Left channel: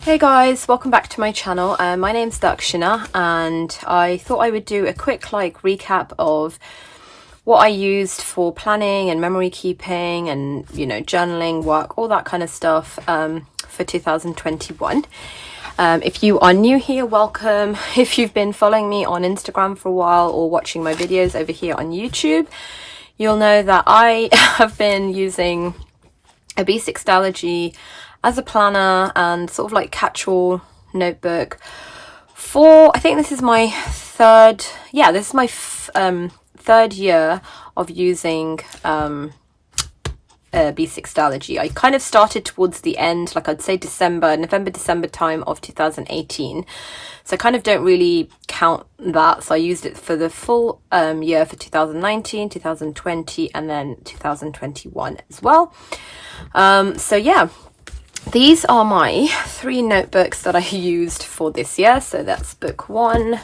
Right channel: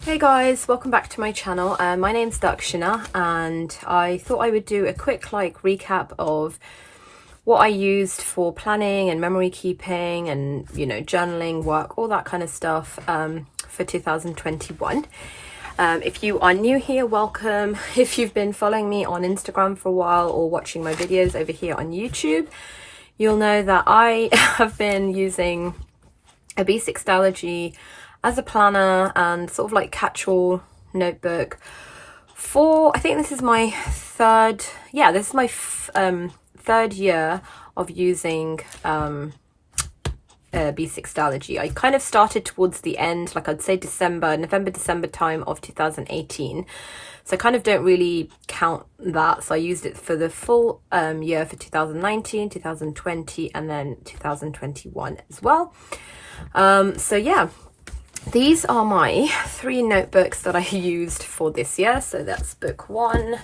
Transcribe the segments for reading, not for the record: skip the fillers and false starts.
Hey guys, welcome back to my channel. My name's Daksina and I thought I would do a quick recap of what I used for planning and memory keeping and journaling, work, all that kind of stuff for 2021. If you are new here, welcome. If you've been following me on Instagram for a while or watching my videos over here on YouTube, you'll know that I have been using a B6 Stalogy as a planner and sort of catch-all notebook for, I think this is my third year of using B6 Stalogy. I kind of started towards the end, I'd say November, December time of 2018. So I kind of don't really count that. So I used it for the full year for 2019, 2020, and then 2021 as well. So yeah. These are my 3 notebooks that I used for this year. So that's book 1,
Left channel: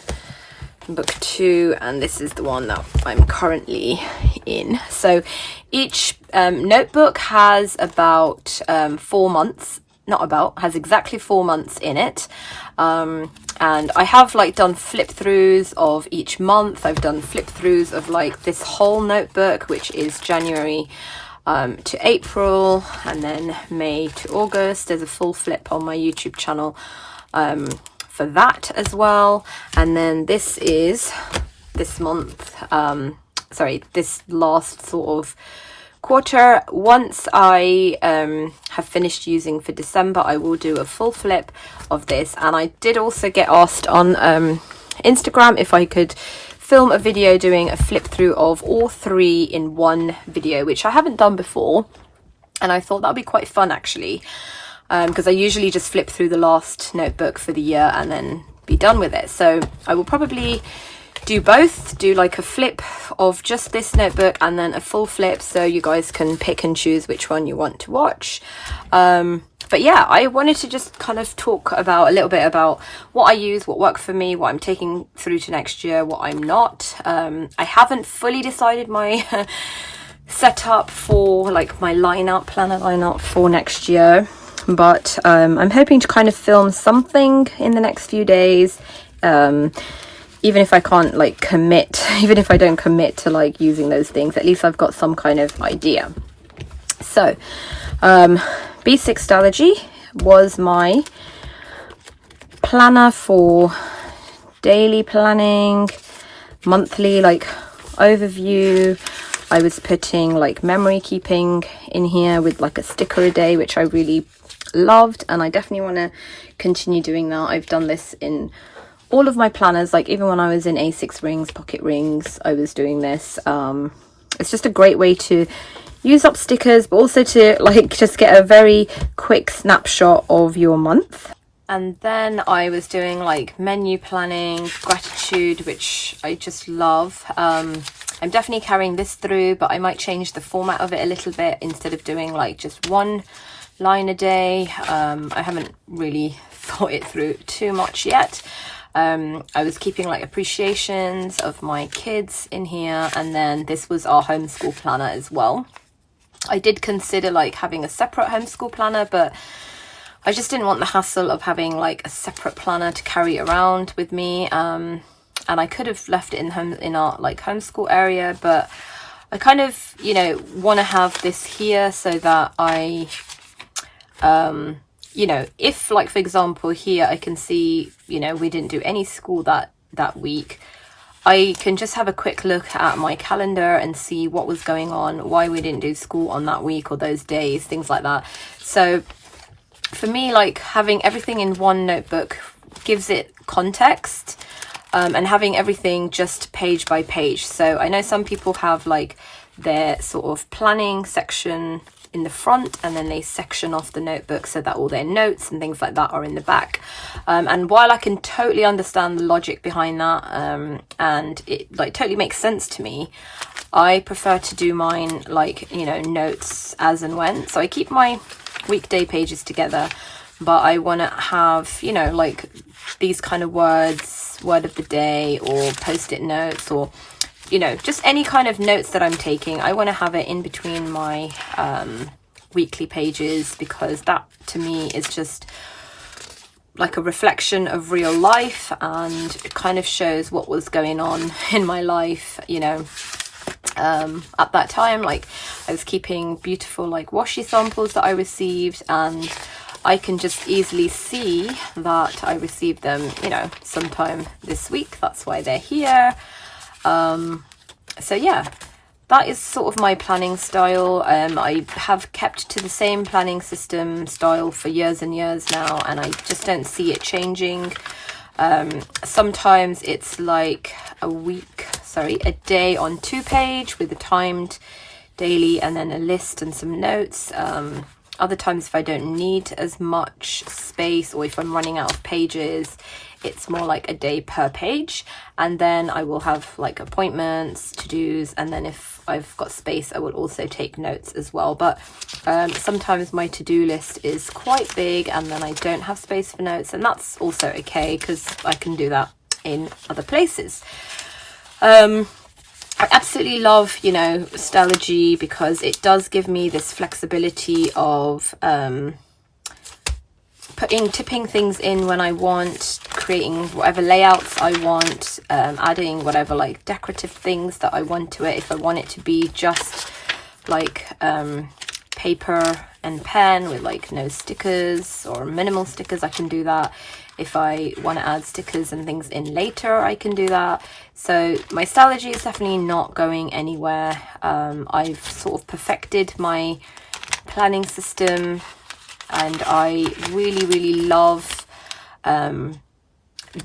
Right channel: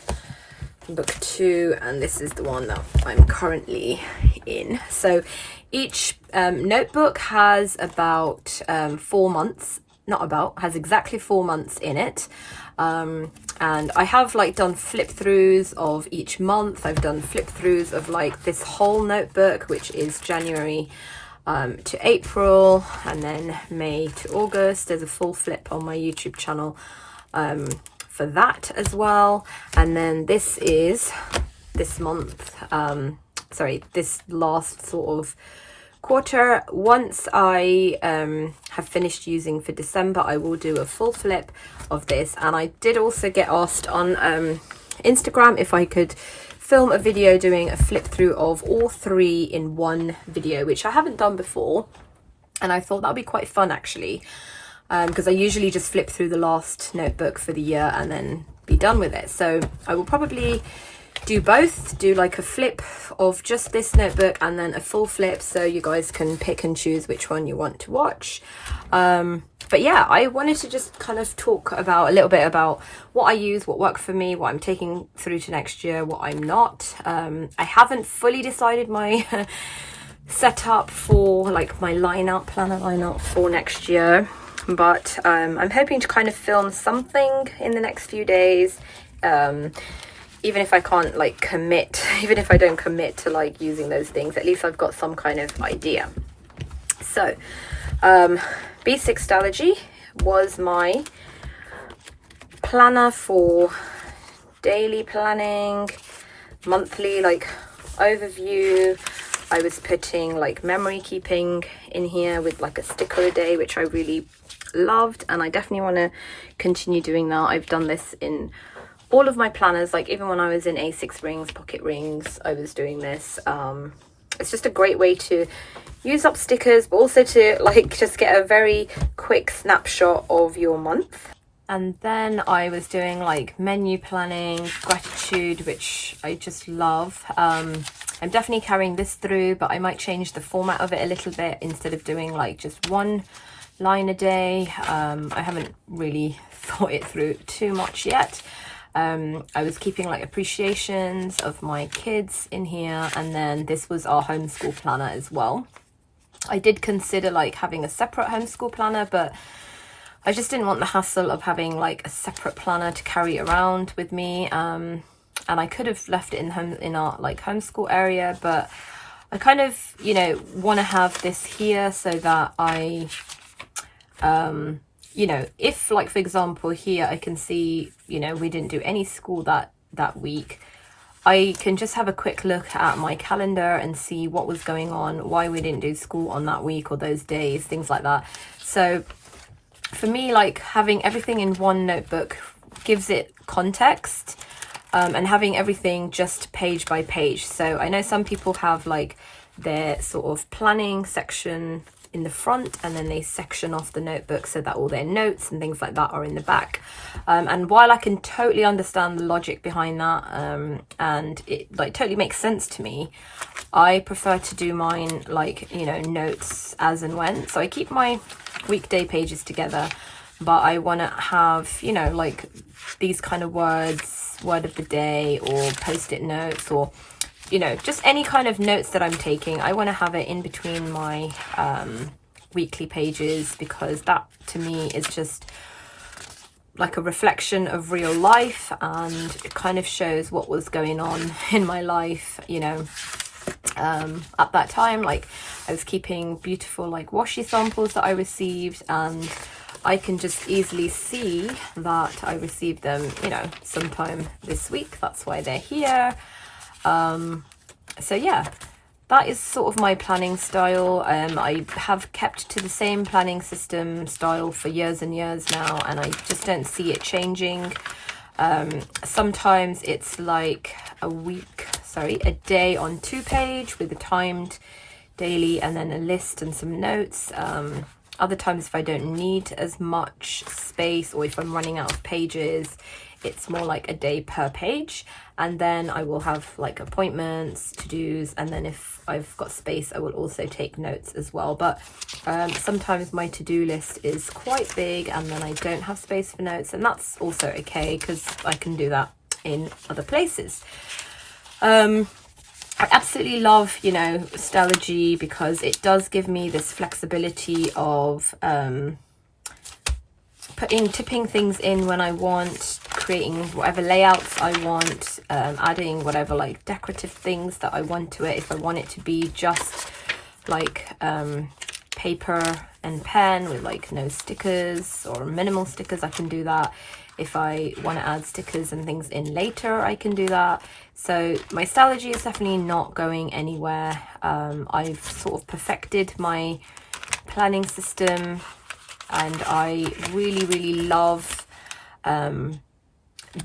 book 2, and this is the one that I'm currently in. So each notebook has about 4 months, has exactly 4 months in it. And I have done flip throughs of each month. I've done flip throughs of this whole notebook, which is January to April, and then May to August. There's a full flip on my YouTube channel for that as well. And then this is this month, this last sort of quarter. Once I have finished using for December, I will do a full flip of this. And I did also get asked on Instagram if I could film a video doing a flip through of all 3 in one video, which I haven't done before, and I thought that'd be quite fun actually, because I usually just flip through the last notebook for the year and then be done with it. So I will probably do both, do a flip of just this notebook and then a full flip, so you guys can pick and choose which one you want to watch. But yeah, I wanted to just kind of talk about a little bit about what I use, what worked for me, what I'm taking through to next year, what I'm not. I haven't fully decided my setup for my planner lineup for next year, but I'm hoping to kind of film something in the next few days. Even if I can't commit, even if I don't commit to using those things, at least I've got some kind of idea. So B6 Stalogy was my planner for daily planning, monthly overview. I was putting memory keeping in here with a sticker a day, which I really loved, and I definitely want to continue doing that. I've done this in all of my planners, even when I was in A6 rings, pocket rings, I was doing this. It's just a great way to use up stickers, but also to just get a very quick snapshot of your month. And then I was doing menu planning, gratitude, which I just love. I'm definitely carrying this through, but I might change the format of it a little bit. Instead of doing just 1 line a day, I haven't really thought it through too much yet. I was keeping appreciations of my kids in here, and then this was our homeschool planner as well. I did consider having a separate homeschool planner, but I just didn't want the hassle of having a separate planner to carry around with me. And I could have left it in our homeschool area, but I kind of want to have this here so that I if for example here I can see we didn't do any school that week, I can just have a quick look at my calendar and see what was going on, why we didn't do school on that week or those days, things like that. So for me, having everything in one notebook gives it context, and having everything just page by page. So I know some people have their sort of planning section in the front, and then they section off the notebook so that all their notes and things like that are in the back. And while I can totally understand the logic behind that, and it totally makes sense to me, I prefer to do mine notes as and when. So I keep my weekday pages together, but I want to have these kind of words, word of the day, or post-it notes, or just any kind of notes that I'm taking. I want to have it in between my weekly pages, because that to me is just like a reflection of real life, and it kind of shows what was going on in my life, you know, at that time. Like I was keeping beautiful like washi samples that I received, and I can just easily see that I received them, you know, sometime this week. That's why they're here. So yeah, that is sort of my planning style. I have kept to the same planning system style for years and years now, and I just don't see it changing. Sometimes it's like a day on 2-page with a timed daily and then a list and some notes. Other times, if I don't need as much space, or if I'm running out of pages, it's more like a day per page. And then I will have like appointments, to-dos, and then if I've got space, I will also take notes as well. But sometimes my to-do list is quite big and then I don't have space for notes, and that's also okay because I can do that in other places. I absolutely love, you know, Stalogy because it does give me this flexibility of tipping things in when I want, creating whatever layouts I want, adding whatever like decorative things that I want to it. If I want it to be just like paper and pen with like no stickers or minimal stickers, I can do that. If I want to add stickers and things in later, I can do that. So my Stalogy is definitely not going anywhere. I've sort of perfected my planning system, and I really love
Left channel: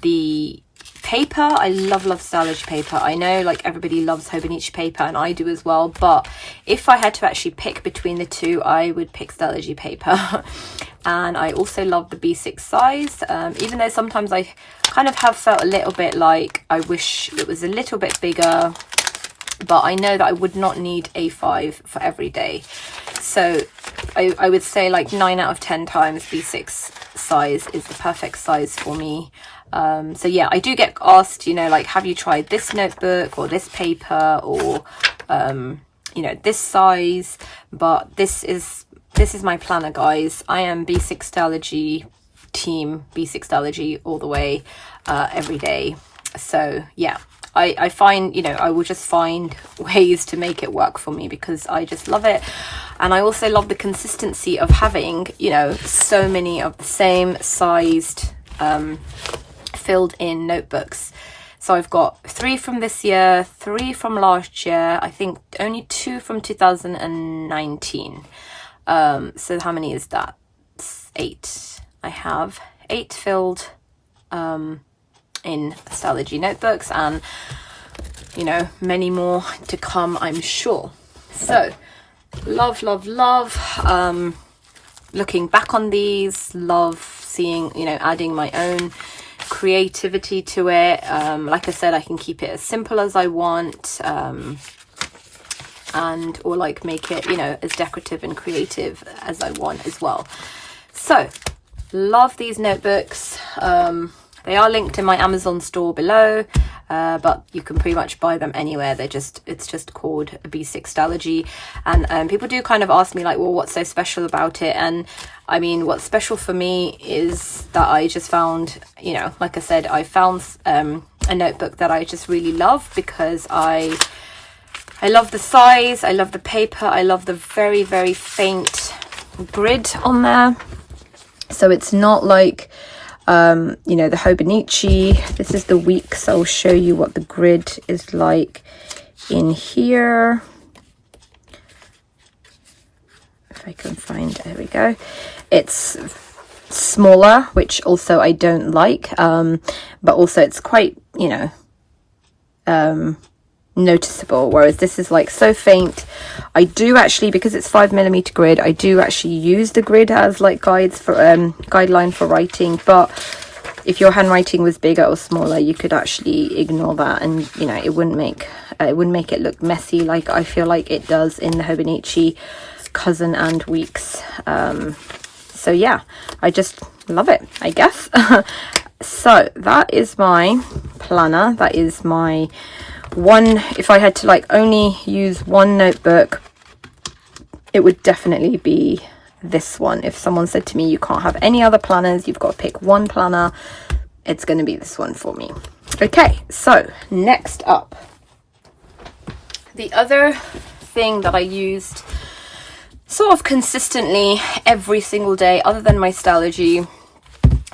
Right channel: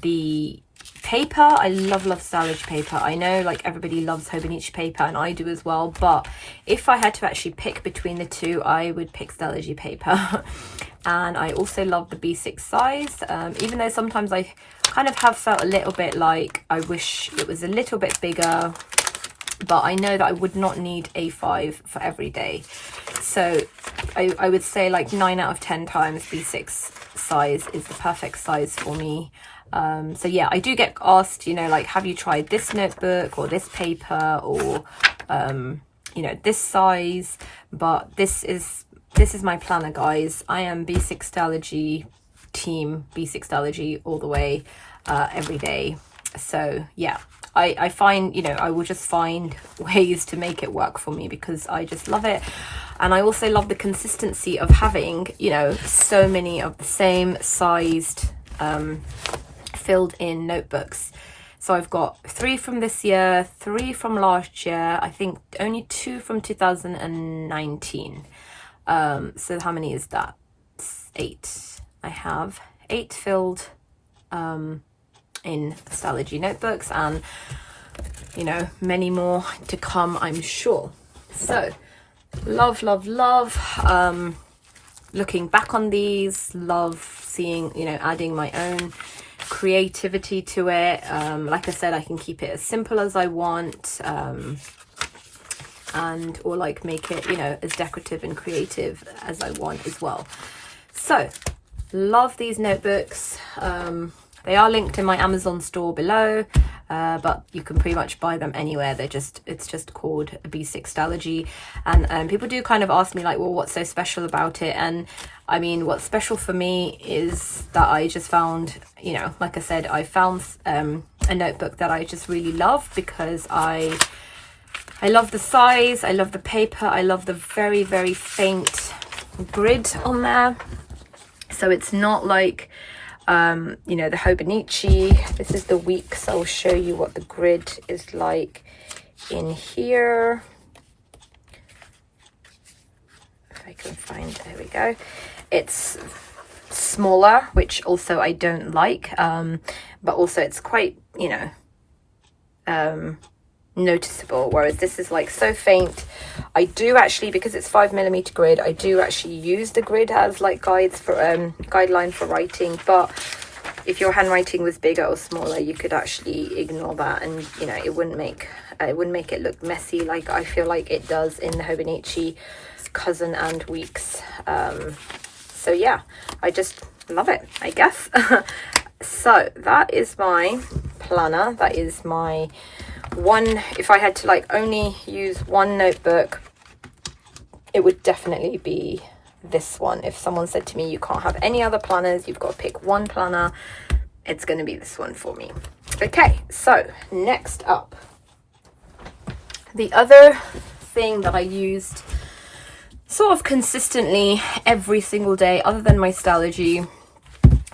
the paper. I love Stalogy paper. I know like everybody loves Hobonichi paper, and I do as well, but if I had to actually pick between the two, I would pick Stalogy paper. And I also love the B6 size, even though sometimes I kind of have felt a little bit like I wish it was a little bit bigger, but I know that I would not need A5 for every day. So I would say like 9 out of 10 times B6 size is the perfect size for me. So yeah, I do get asked, you know, like, have you tried this notebook or this paper or you know, this size? But this is my planner, guys. I am B6 Stalogy team, B6 Stalogy all the way, every day. So yeah, I find, you know, I will just find ways to make it work for me because I just love it. And I also love the consistency of having, you know, so many of the same sized filled in notebooks. So I've got 3 from this year, 3 from last year, I think only 2 from 2019. So how many is that? 8. I have 8 filled in Stalogy notebooks, and you know, many more to come, I'm sure. So love looking back on these, love seeing, you know, adding my own creativity to it. Like I said, I can keep it as simple as I want, and or like make it, you know, as decorative and creative as I want as well. So love these notebooks. They are linked in my Amazon store below, but you can pretty much buy them anywhere. It's just called a B6 Stalogy. And people do kind of ask me like, well, what's so special about it? And I mean, what's special for me is that I just found, you know, like I said, I found a notebook that I just really love because I love the size, I love the paper, I love the very faint grid on there. So it's not like you know, the Hobonichi. This is the Weeks. I'll show you what the grid is like in here. If I can find, there we go. It's smaller, which also I don't like, but also it's quite, you know, noticeable, whereas this is like so faint. I do actually, because it's 5mm grid, I do actually use the grid as like guides for guideline for writing. But if your handwriting was bigger or smaller, you could actually ignore that, and you know, it wouldn't make it look messy like I feel like it does in the Hobonichi Cousin and Weeks. So yeah, I just love it, I guess. So that is my planner. That is my one. If I had to like only use one notebook, it would definitely be this one. If someone said to me, you can't have any other planners, you've got to pick one planner, it's going to be this one for me. Okay, so next up, the other thing that I used sort of consistently every single day other than my Stalogy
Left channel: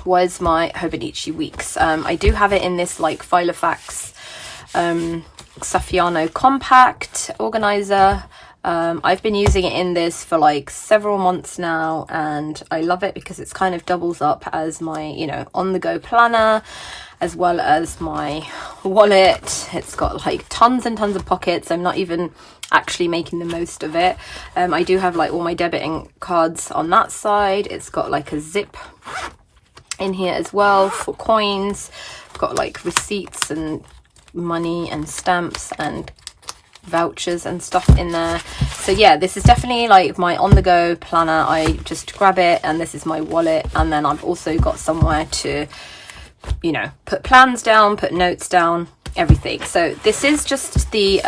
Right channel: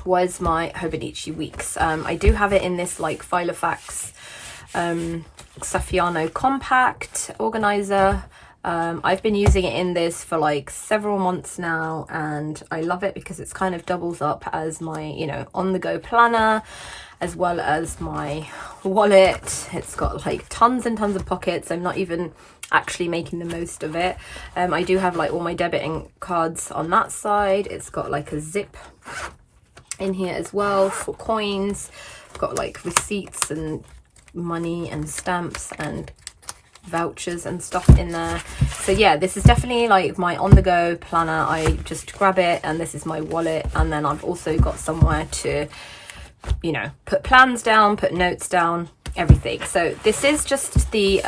was my Hobonichi Weeks. I do have it in this like Filofax Saffiano compact organizer. I've been using it in this for like several months now, and I love it because it's kind of doubles up as my, you know, on-the-go planner as well as my wallet. It's got like tons and tons of pockets. I'm not even actually making the most of it. I do have like all my debiting cards on that side. It's got like a zip in here as well for coins. I've got like receipts and money and stamps and vouchers and stuff in there. So yeah, this is definitely like my on-the-go planner. I just grab it, and this is my wallet, and then I've also got somewhere to, you know, put plans down, put notes down, everything. So this is just the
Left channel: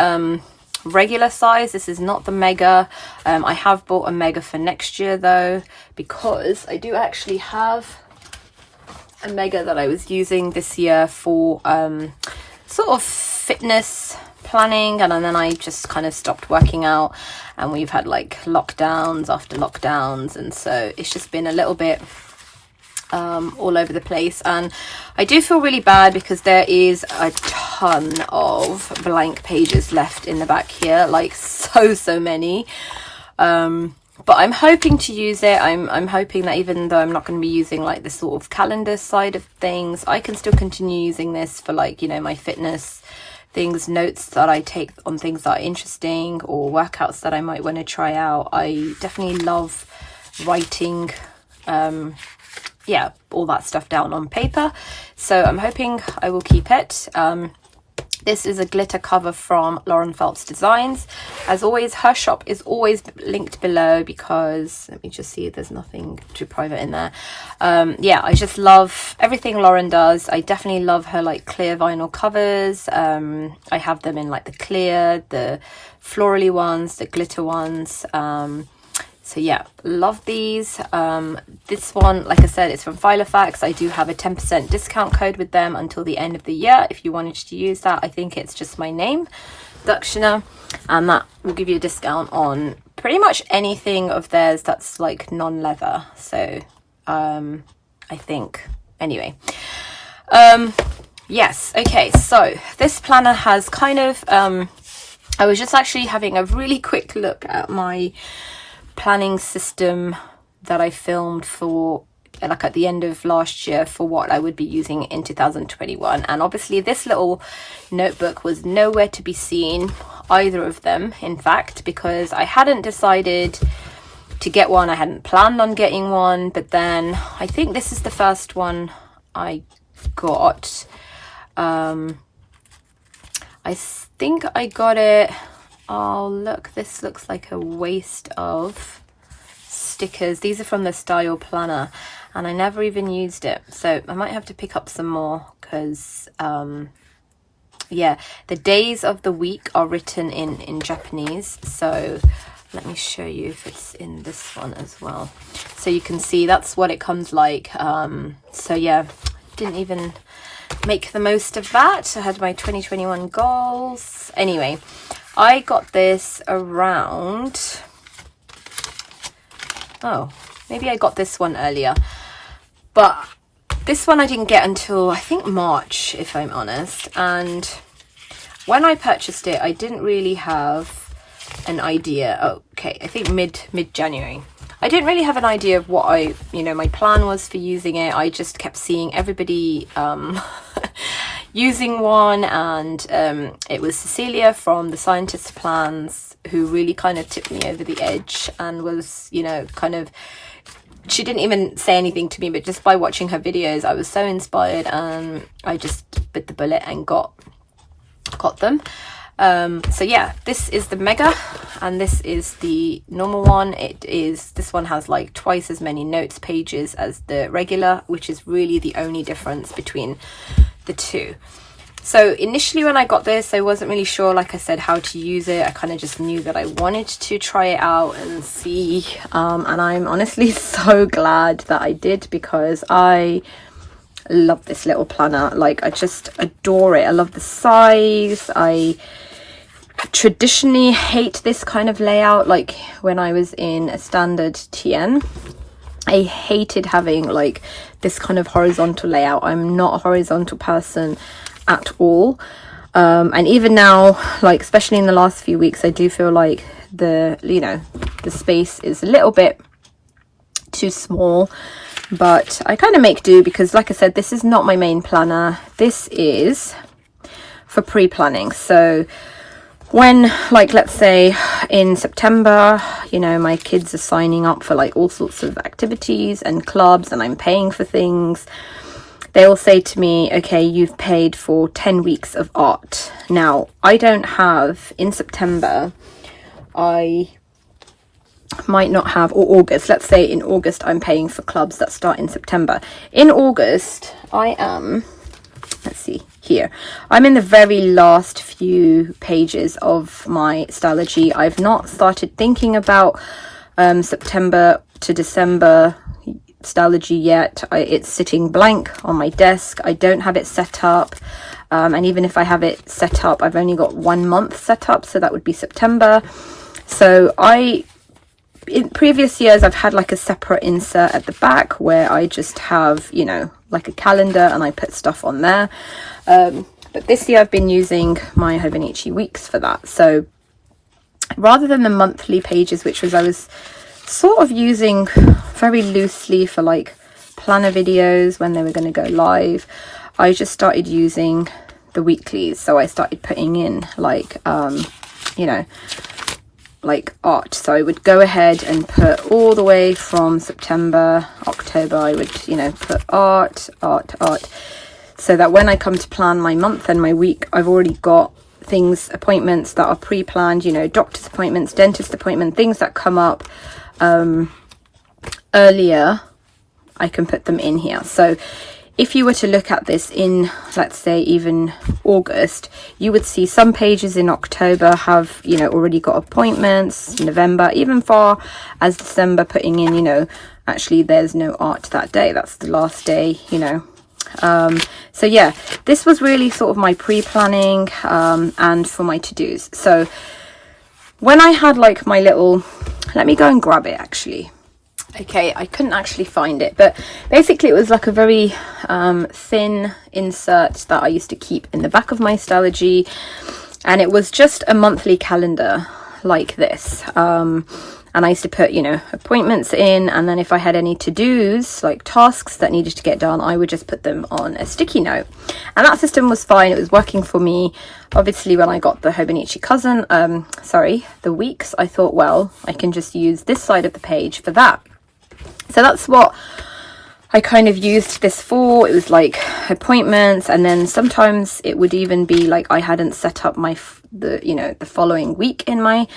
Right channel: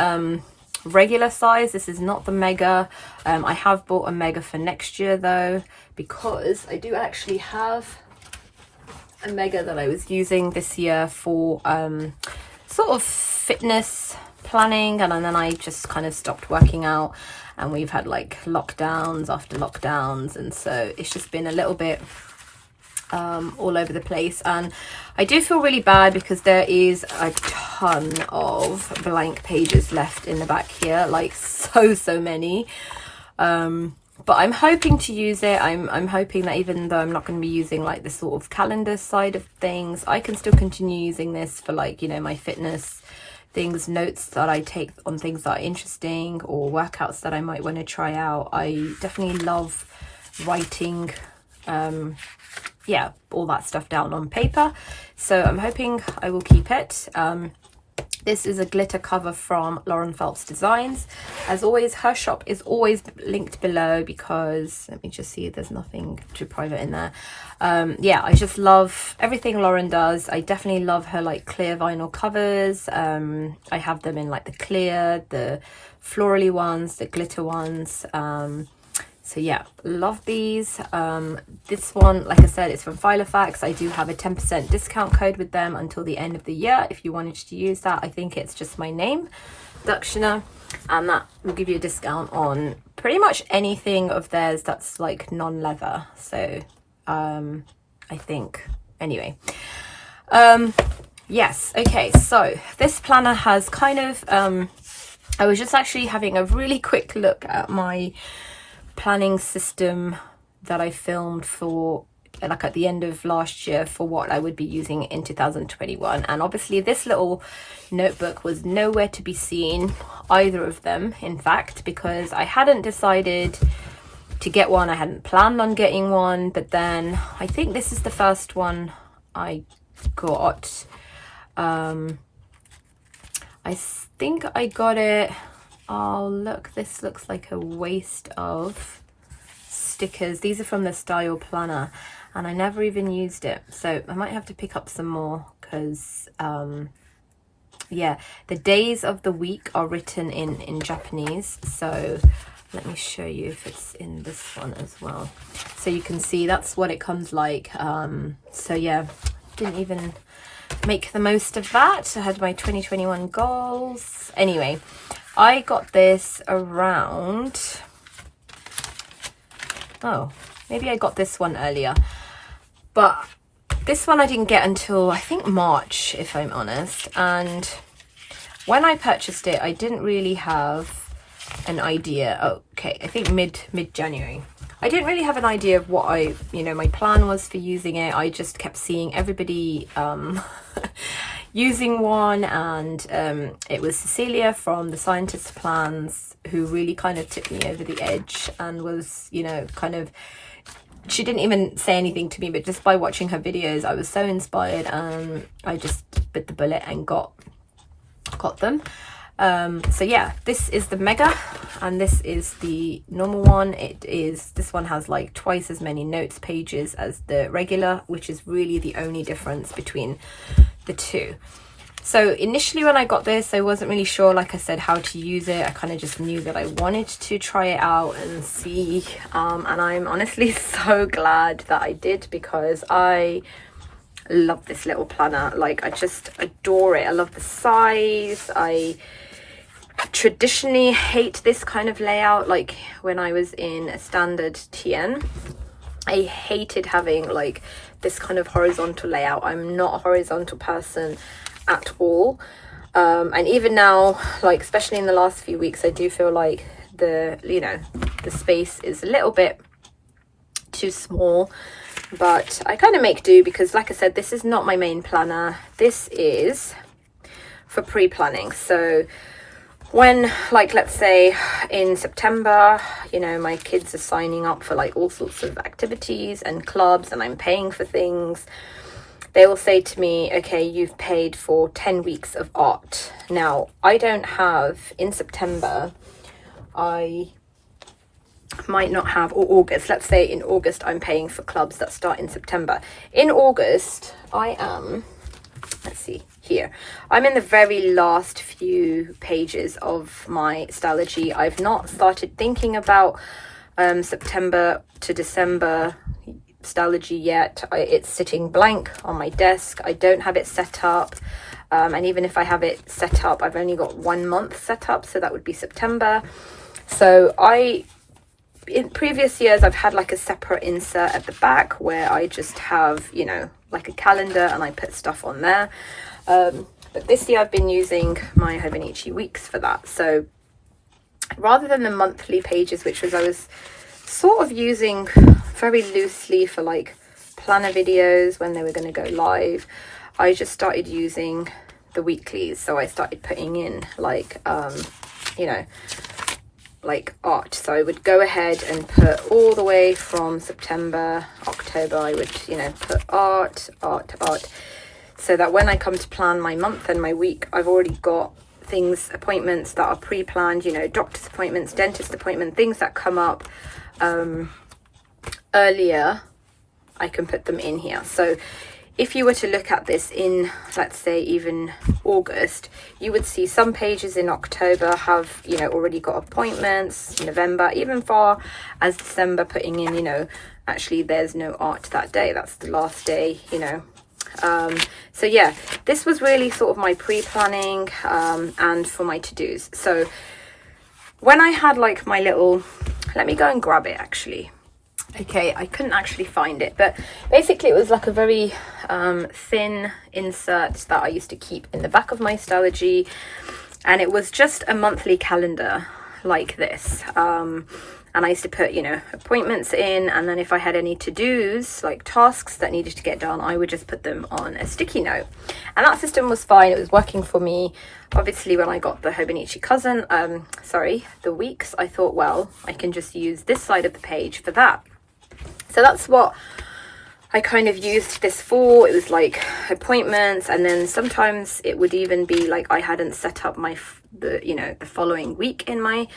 regular size. This is not the mega. I have bought a mega for next year though, because I do actually have a mega that I was using this year for sort of fitness planning, and then I just kind of stopped working out, and we've had like lockdowns after lockdowns, and so it's just been a little bit all over the place. And I do feel really bad because there is a ton of blank pages left in the back here, like so many. But I'm hoping to use it. I'm hoping that even though I'm not going to be using like the sort of calendar side of things, I can still continue using this for like, you know, my fitness things, notes that I take on things that are interesting, or workouts that I might want to try out. I definitely love writing, yeah, all that stuff down on paper. So I'm hoping I will keep it. This is a glitter cover from Lauren Phelps Designs. As always, her shop is always linked below, because let me just see if there's nothing too private in there. Yeah, I just love everything Lauren does. I definitely love her like clear vinyl covers. I have them in like the clear, the florally ones, the glitter ones. So yeah, love these. This one, like I said, it's from Filofax. I do have a 10% discount code with them until the end of the year if you wanted to use that. I think it's just my name, Daksina, and that will give you a discount on pretty much anything of theirs that's like non-leather. So I think, anyway. Yes, okay, so this planner has kind of, I was just actually having a really quick look at my planning system that I filmed for like at the end of last year for what I would be using in 2021, and obviously this little notebook was nowhere to be seen, either of them in fact, because I hadn't decided to get one. I hadn't planned on getting one, but then I think this is the first one I got. I think I got it. Oh look, this looks like a waste of stickers. These are from the Style Planner, and I never even used it, so I might have to pick up some more, because yeah, the days of the week are written in Japanese. So let me show you if it's in this one as well, so you can see that's what it comes like. So yeah, didn't even make the most of that. I had my 2021 goals. Anyway, I got this around, oh, maybe I got this one earlier, but this one I didn't get until I think March, if I'm honest. And when I purchased it, I didn't really have an idea. Oh, okay, I think mid-January. I didn't really have an idea of what my plan was for using it. I just kept seeing everybody using one, and it was Cecilia from the Scientist Plans who really kind of tipped me over the edge, and was, you know, kind of, she didn't even say anything to me, but just by watching her videos I was so inspired, and I just bit the bullet and got them. So yeah, this is the mega, and this is the normal one. This one has like twice as many notes pages as the regular, which is really the only difference between the two. So initially when I got this, I wasn't really sure, like I said, how to use it. I kind of just knew that I wanted to try it out and see. And I'm honestly so glad that I did, because I love this little planner. Like, I just adore it. I love the size. I traditionally hate this kind of layout. Like when I was in a standard TN, I hated having like this kind of horizontal layout. I'm not a horizontal person at all, and even now, like especially in the last few weeks, I do feel like the space is a little bit too small, but I kind of make do, because like I said, this is not my main planner. This is for pre-planning. So when, like, let's say in September, you know, my kids are signing up for like all sorts of activities and clubs, and I'm paying for things, they'll say to me, okay, you've paid for 10 weeks of art. Now, I don't have, in September, I might not have, or August, let's say in August, I'm paying for clubs that start in September. In August, I am, let's see, here. I'm in the very last few pages of my Stalogy. I've not started thinking about September to December Stalogy yet. It's sitting blank on my desk. I don't have it set up, and even if I have it set up, I've only got 1 month set up, so that would be September. So in previous years, I've had like a separate insert at the back where I just have, you know, like a calendar, and I put stuff on there, but this year I've been using my Hobonichi Weeks for that. So rather than the monthly pages, which was I was sort of using very loosely for like planner videos when they were going to go live, I just started using the weeklies. So I started putting in like you know, like art. So I would go ahead and put all the way from September, October, I would, you know, put art, so that when I come to plan my month and my week, I've already got things, appointments that are pre-planned, you know, doctor's appointments, dentist appointment, things that come up earlier, I can put them in here. So if you were to look at this in, let's say, even August, you would see some pages in October have, you know, already got appointments, November, even far as December, putting in, you know, actually there's no art that day, that's the last day, you know. So yeah, this was really sort of my pre-planning and for my to-dos. So when I had like my little, let me go and grab it actually. Okay, I couldn't actually find it, but basically it was like a very thin insert that I used to keep in the back of my Stalogy, and it was just a monthly calendar like this, and I used to put, you know, appointments in, and then if I had any to-dos, like tasks that needed to get done, I would just put them on a sticky note, and that system was fine. It was working for me. Obviously when I got the Hobonichi Cousin, the Weeks, I thought, well, I can just use this side of the page for that. So that's what I kind of used this for. It was like appointments, and then sometimes it would even be like I hadn't set up the following week in my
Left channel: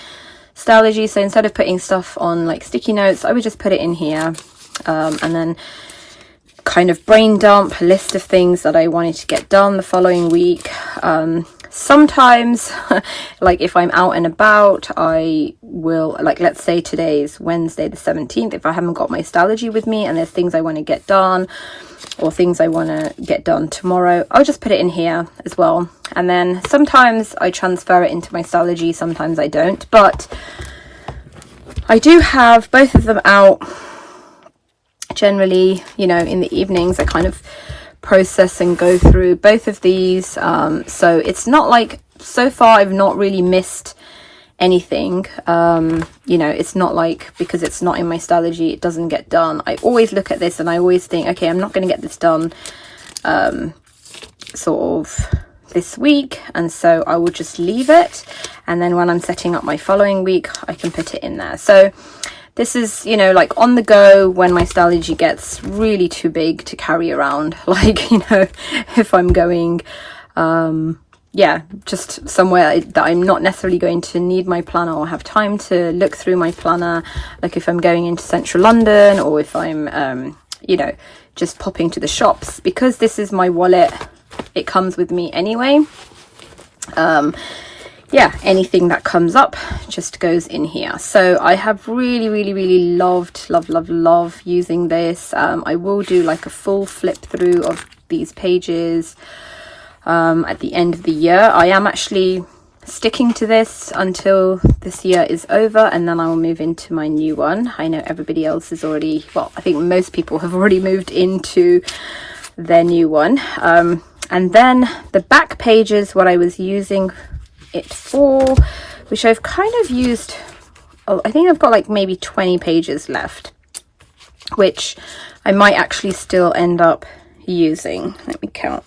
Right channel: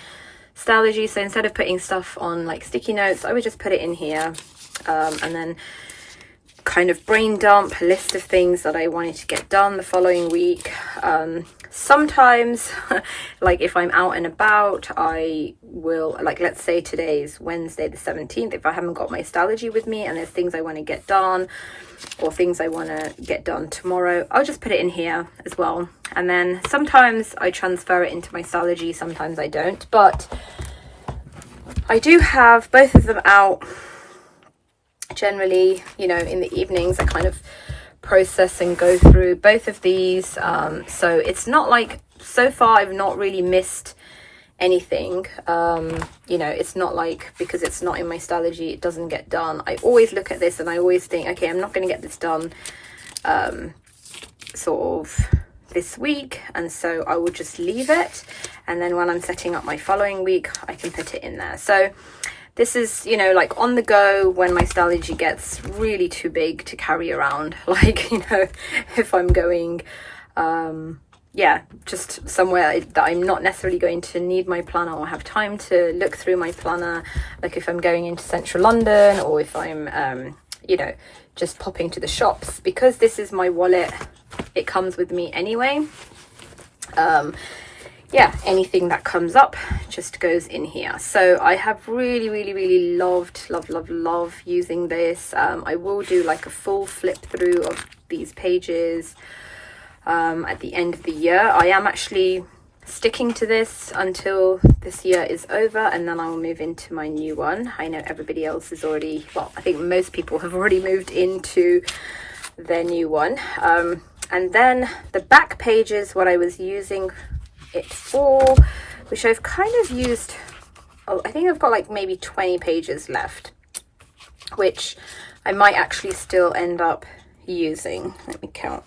Stalogy. So instead of putting stuff on like sticky notes, I would just put it in here, and then kind of brain dump a list of things that I wanted to get done the following week. Sometimes like if I'm out and about, I will, like, let's say today's Wednesday the 17th, if I haven't got my Stalogy with me and there's things I want to get done or things I want to get done tomorrow, I'll just put it in here as well. And then sometimes I transfer it into my Stalogy, sometimes I don't, but I do have both of them out generally, you know, in the evenings. I kind of process and go through both of these, so it's not like, so far I've not really missed anything. You know, it's not like because it's not in my Stalogy it doesn't get done. I always look at this and I always think, okay, I'm not going to get this done sort of this week, and so I will just leave it, and then when I'm setting up my following week I can put it in there. So this is, you know, like on the go when my Stalogy gets really too big to carry around, like, you know, if I'm going yeah, just somewhere that I'm not necessarily going to need my planner or have time to look through my planner, like if I'm going into central London, or if I'm you know, just popping to the shops. Because this is my wallet, it comes with me anyway. Yeah, anything that comes up just goes in here. So I have really love using this. I will do like a full flip through of these pages at the end of the year. I am actually sticking to this until this year is over, and then I will move into my new one. I know everybody else is already, well, I think most people have already moved into their new one. And then the back pages, what I was using it for, which I've kind of used, oh, I think I've got like maybe 20 pages left, which I might actually still end up using. Let me count.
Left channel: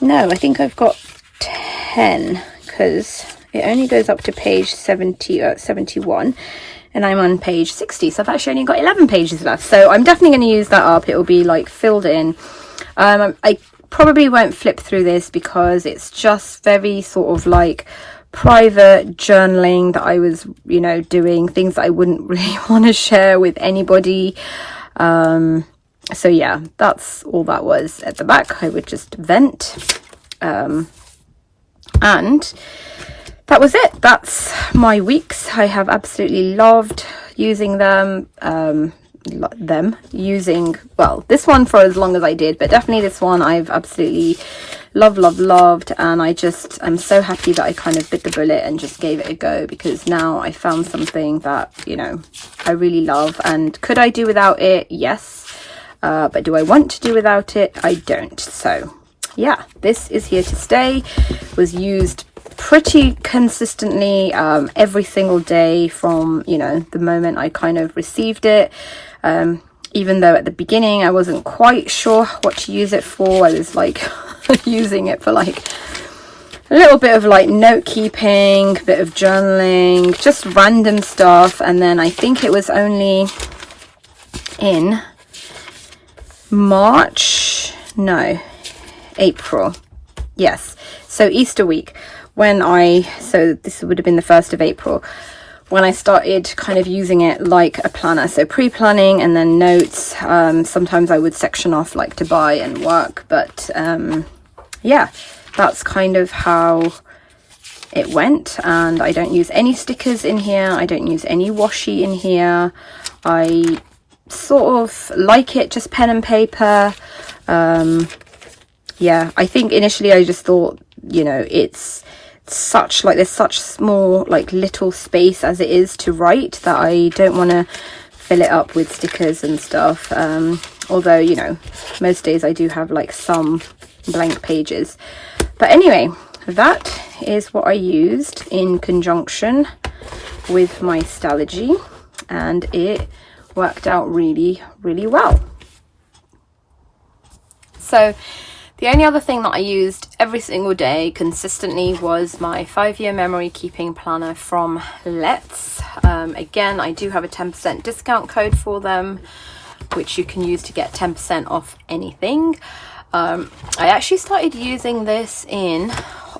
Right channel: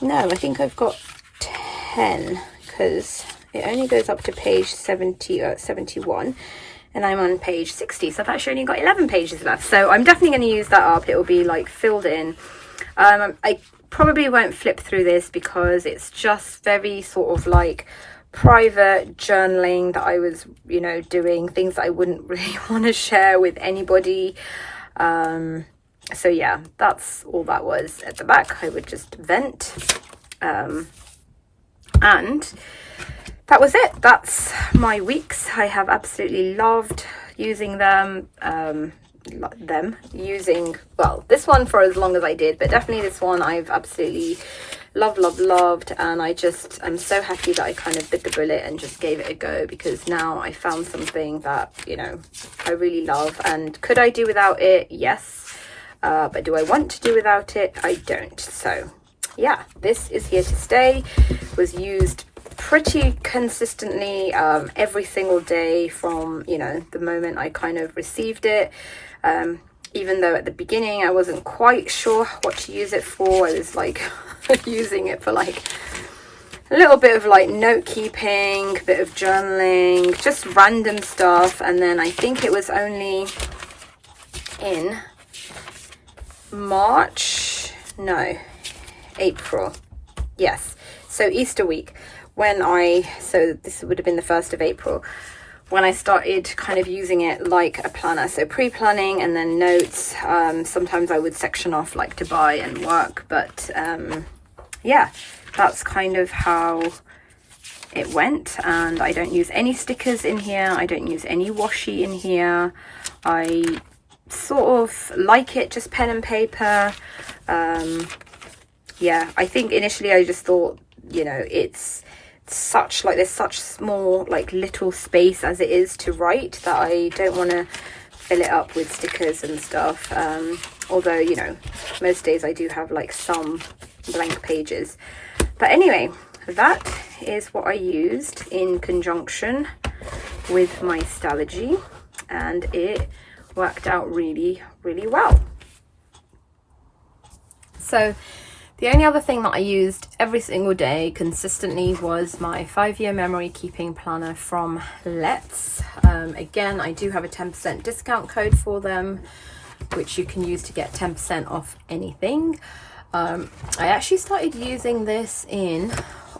No, I think I've got 10, because it only goes up to page 71, and I'm on page 60, so I've actually only got 11 pages left. So I'm definitely going to use that up. It will be like filled in. I probably won't flip through this because it's just very sort of like private journaling that I was, you know, doing things that I wouldn't really want to share with anybody. So yeah, that's all that was. At the back I would just vent, and that was it. That's my weeks. I have absolutely loved using them. Using, well, this one for as long as I did, but definitely this one I've absolutely loved, and I'm so happy that I kind of bit the bullet and just gave it a go, because now I found something that, you know, I really love. And could I do without it? Yes, but do I want to do without it? I don't. So yeah, this is here to stay. Was used pretty consistently every single day from, you know, the moment I kind of received it. Even though at the beginning I wasn't quite sure what to use it for. I was like using it for like a little bit of like note keeping, a bit of journaling, just random stuff. And then I think it was only in April, yes, so Easter week, so this would have been the 1st of April, when I started kind of using it like a planner. So pre-planning and then notes. Sometimes I would section off like to buy and work, but yeah, that's kind of how it went. And I don't use any stickers in here. I don't use any washi in here. I sort of like it just pen and paper. Yeah, I think initially I just thought, you know, it's such like, there's such small like little space as it is to write that I don't want to fill it up with stickers and stuff. Although, you know, most days I do have like some blank pages. But anyway, that is what I used in conjunction with my Stalogy, and it worked out really well. So the only other thing that I used every single day consistently was my 5-year memory keeping planner from Let's. Again, I do have a 10% discount code for them, which you can use to get 10% off anything. I actually started using this in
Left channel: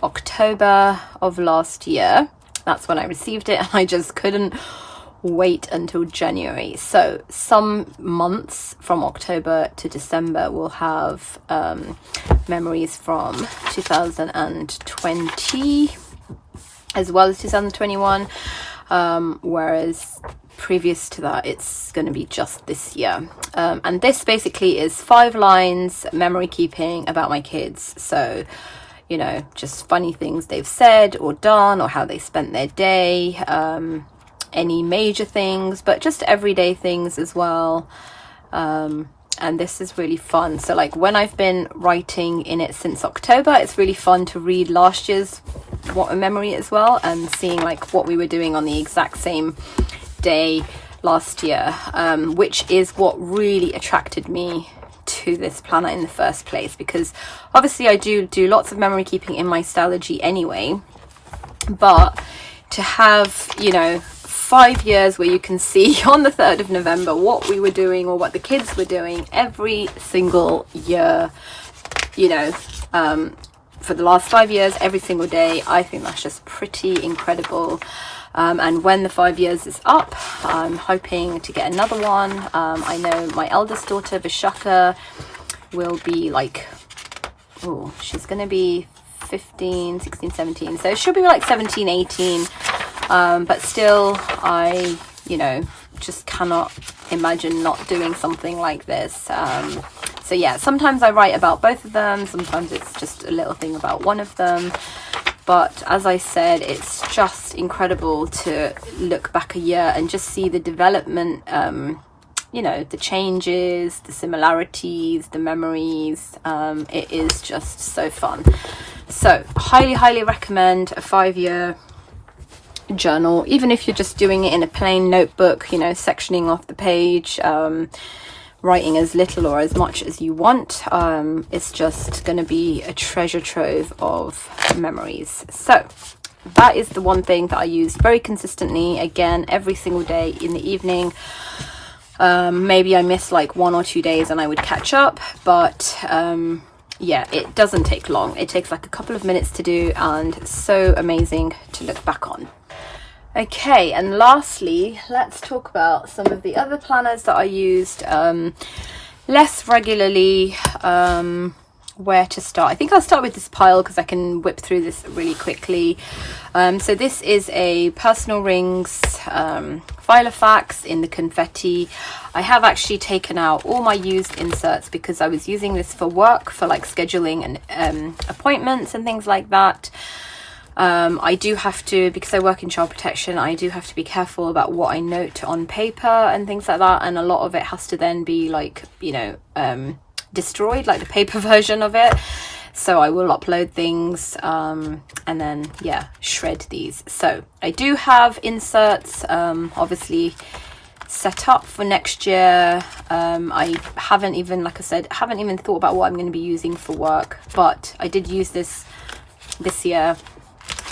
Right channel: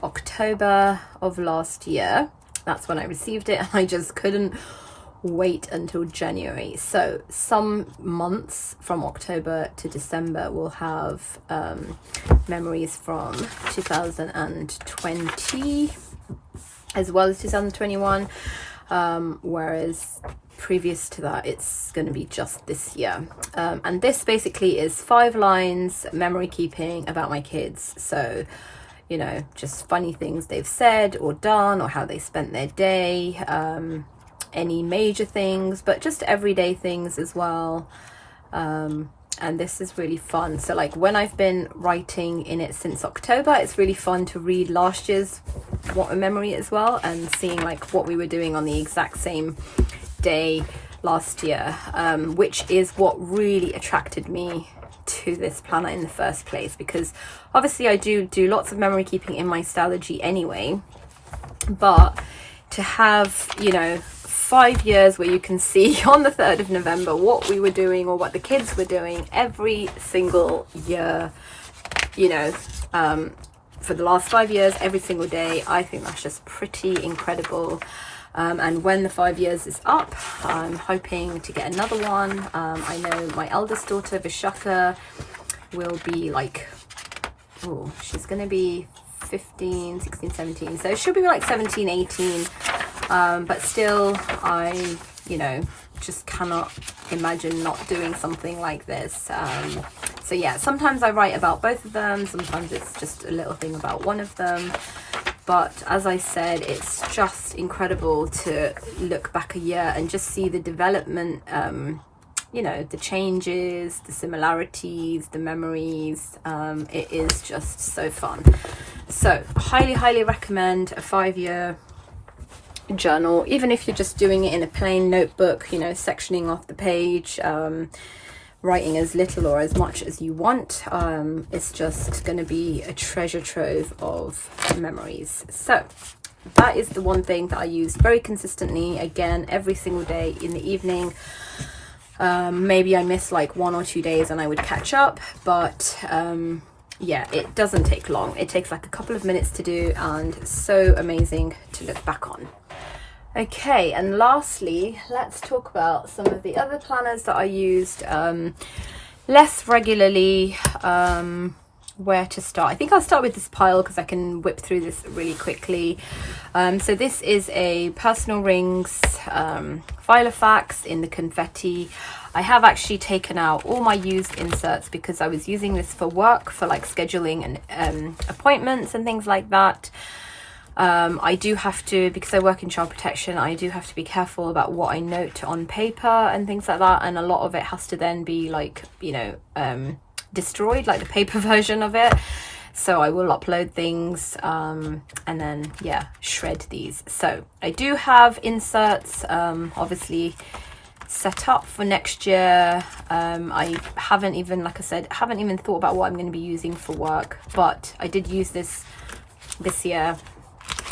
October of last year. That's when I received it, and I just couldn't wait until January. So some months from October to December will have memories from 2020 as well as 2021, whereas previous to that it's going to be just this year. And this basically is 5 lines memory keeping about my kids. So, you know, just funny things they've said or done, or how they spent their day, any major things, but just everyday things as well. And this is really fun. So like when I've been writing in it since October, it's really fun to read last year's what a memory as well, and seeing like what we were doing on the exact same day last year, which is what really attracted me to this planner in the first place, because obviously I do lots of memory keeping in my Stalogy anyway, but to have, you know, 5 years where you can see on the 3rd of November what we were doing or what the kids were doing every single year, you know, for the last 5 years, every single day. I think that's just pretty incredible. And when the 5 years is up, I'm hoping to get another one. I know my eldest daughter Vishaka will be like, oh, she's gonna be 15, 16, 17, so she'll be like 17, 18, but still I, you know, just cannot imagine not doing something like this. So yeah, sometimes I write about both of them, sometimes it's just a little thing about one of them, but as I said, it's just incredible to look back a year and just see the development, you know, the changes, the similarities, the memories. It is just so fun. So highly recommend a 5-year journal, even if you're just doing it in a plain notebook, you know, sectioning off the page, writing as little or as much as you want. It's just going to be a treasure trove of memories. So that is the one thing that I use very consistently, again, every single day in the evening. Maybe I miss like 1 or 2 days and I would catch up, but yeah, it doesn't take long. It takes like a couple of minutes to do, and so amazing to look back on. Okay, and lastly, let's talk about some of the other planners that I used less regularly. Where to start? I think I'll start with this pile because I can whip through this really quickly. So this is a Personal Rings Filofax in the confetti. I have actually taken out all my used inserts because I was using this for work, for like scheduling and appointments and things like that. I do have to, because I work in child protection, I do have to be careful about what I note on paper and things like that, and a lot of it has to then be like, you know, destroyed, like the paper version of it. So I will upload things and then, yeah, shred these. So I do have inserts obviously set up for next year. I haven't even, like I said, haven't even thought about what I'm going to be using for work, but I did use this year.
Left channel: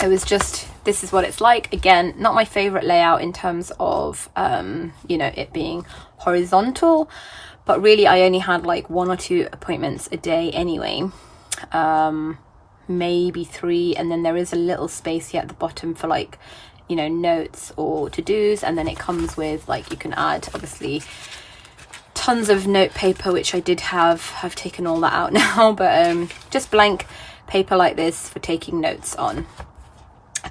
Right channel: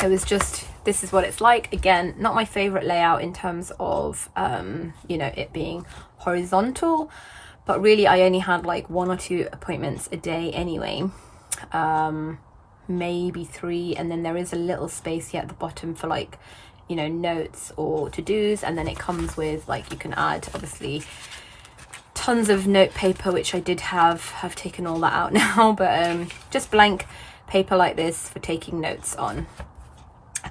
It was just, this is what it's like. Again, not my favorite layout in terms of you know, it being horizontal, but really I only had like 1 or 2 appointments a day anyway, maybe 3, and then there is a little space here at the bottom for like, you know, notes or to-dos, and then it comes with like, you can add obviously tons of note paper, which I did have. I've taken all that out now, but just blank paper like this for taking notes on.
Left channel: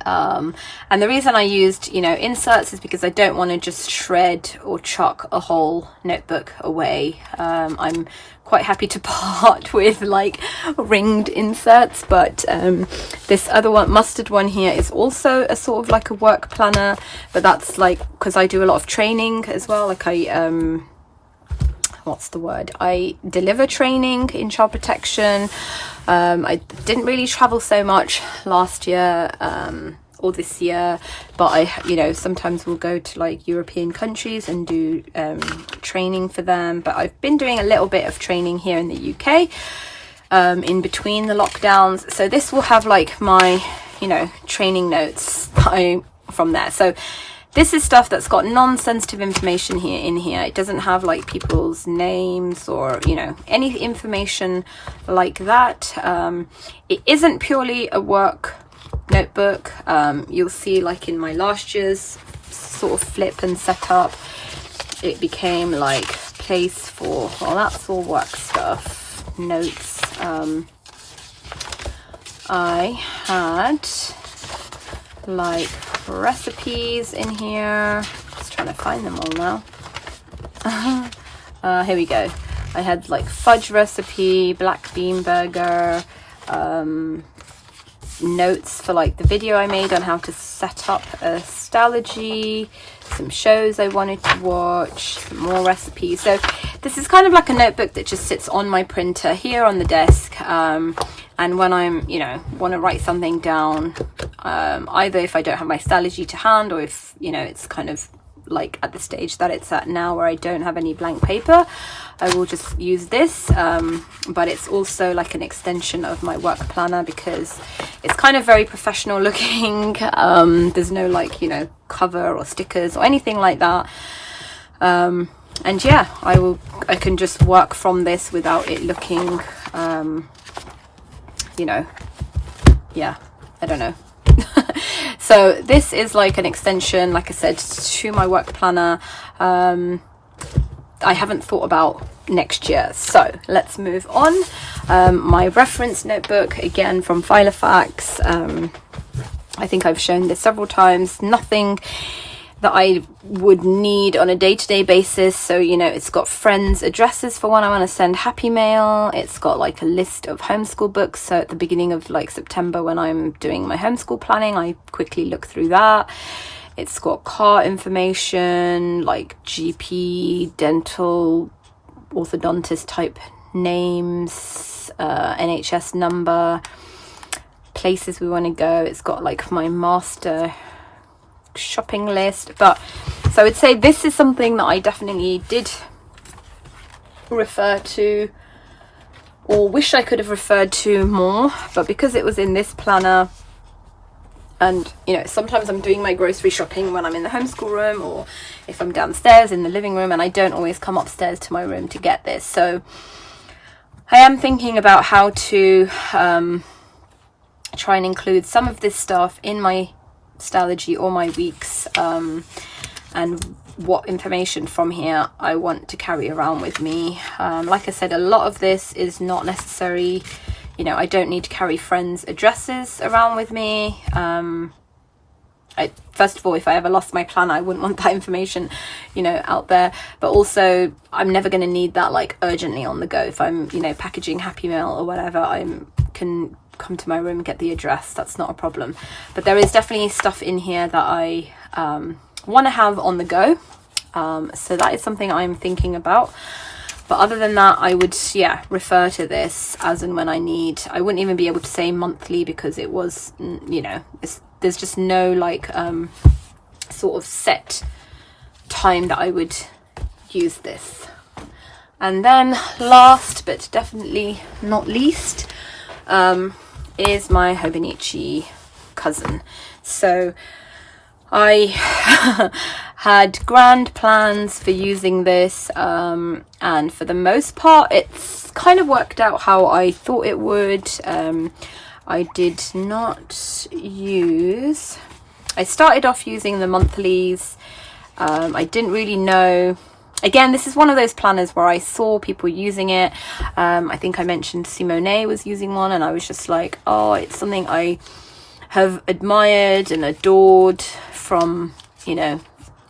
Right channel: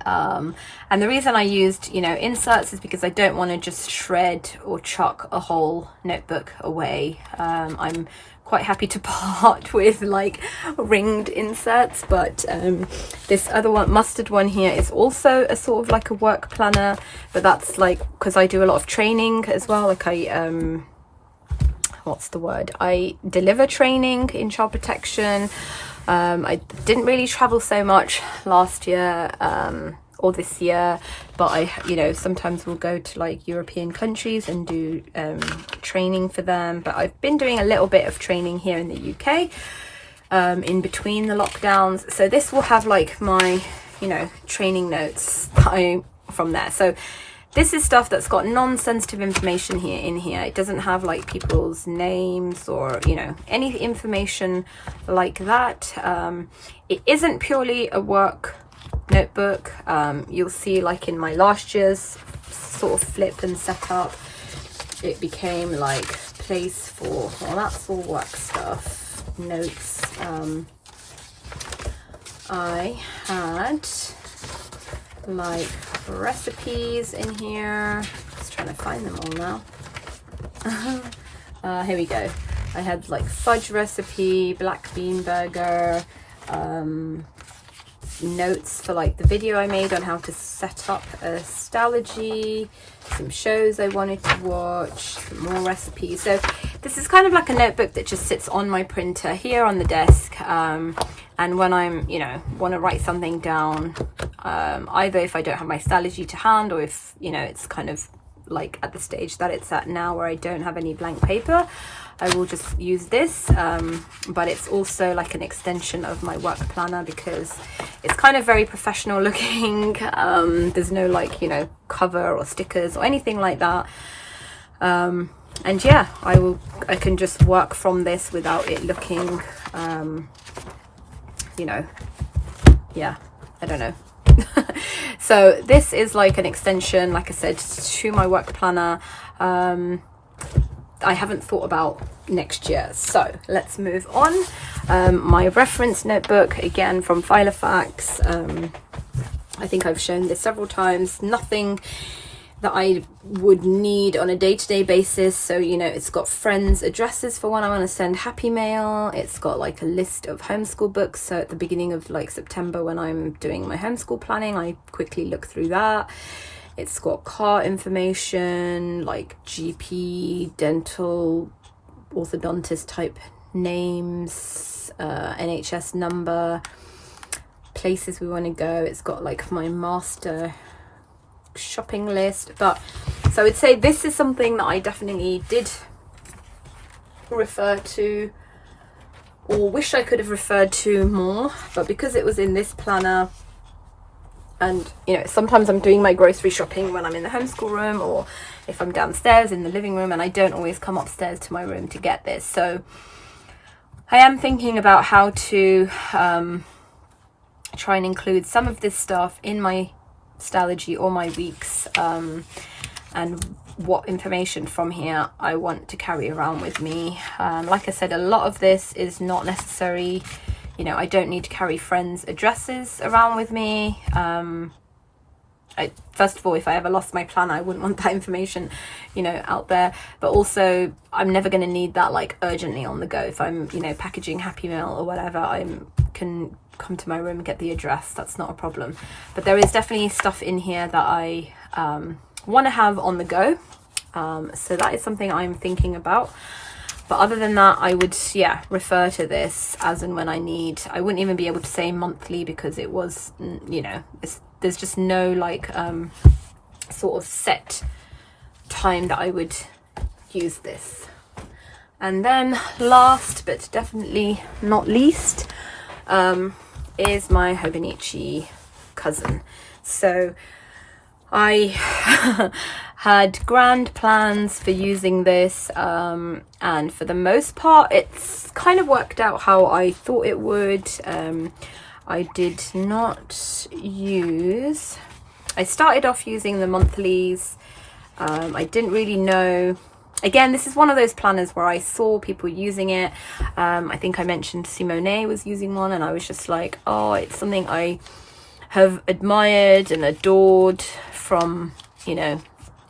And the reason I used, you know, inserts is because I don't want to just shred or chuck a whole notebook away. I'm quite happy to part with like ringed inserts, but this other one, mustard one here, is also a sort of like a work planner, but that's like because I do a lot of training as well. Like I what's the word, I deliver training in child protection. I didn't really travel so much last year or this year, but I, you know, sometimes we'll go to like European countries and do training for them. But I've been doing a little bit of training here in the UK in between the lockdowns. So this will have like my, you know, training notes from there. So this is stuff that's got non-sensitive information here in here. It doesn't have like people's names or, you know, any information like that. It isn't purely a work notebook. You'll see like in my last year's sort of flip and setup, it became like place for, well, that's all work stuff, notes. I had like recipes in here, just trying to find them all now. Here we go. I had like fudge recipe, black bean burger, notes for like the video I made on how to set up a Stalogy, some shows I wanted to watch, some more recipes. So this is kind of like a notebook that just sits on my printer here on the desk, and when I'm, you know, want to write something down, either if I don't have my Stalogy to hand, or if, you know, it's kind of like at the stage that it's at now where I don't have any blank paper, I will just use this. But it's also like an extension of my work planner because it's kind of very professional looking. There's no like, you know, cover or stickers or anything like that. And yeah, I can just work from this without it looking, you know, yeah, I don't know. So this is like an extension, like I said, to my work planner. I haven't thought about next year. So let's move on. My reference notebook, again from Filofax. I think I've shown this several times. Nothing that I would need on a day-to-day basis. So, you know, it's got friends' addresses for when I want to send happy mail. It's got like a list of homeschool books. So at the beginning of like September, when I'm doing my homeschool planning, I quickly look through that. It's got car information, like GP, dental, orthodontist type names, NHS number, places we want to go. It's got like my master shopping list. But so I would say this is something that I definitely did refer to, or wish I could have referred to more, but because it was in this planner, and you know, sometimes I'm doing my grocery shopping when I'm in the homeschool room, or if I'm downstairs in the living room, and I don't always come upstairs to my room to get this. So I am thinking about how to try and include some of this stuff in my Stalogy or my weeks, and what information from here I want to carry around with me. Like I said, a lot of this is not necessary. You know, I don't need to carry friends' addresses around with me. First of all, if I ever lost my planner, I wouldn't want that information, you know, out there. But also, I'm never going to need that like urgently on the go. If I'm, you know, packaging happy mail or whatever, I can come to my room and get the address. That's not a problem. But there is definitely stuff in here that I want to have on the go. So that is something I'm thinking about. But other than that, I would, yeah, refer to this as and when I need. I wouldn't even be able to say monthly, because it was, you know, there's just no like sort of set time that I would use this. And then last but definitely not least is my Hobonichi Cousin. So I had grand plans for using this, and for the most part it's kind of worked out how I thought it would. I did not use, I started off using the monthlies. I didn't really know. Again, this is one of those planners where I saw people using it. I think I mentioned Simone was using one, and I was just like, oh, it's something I have admired and adored from, you know,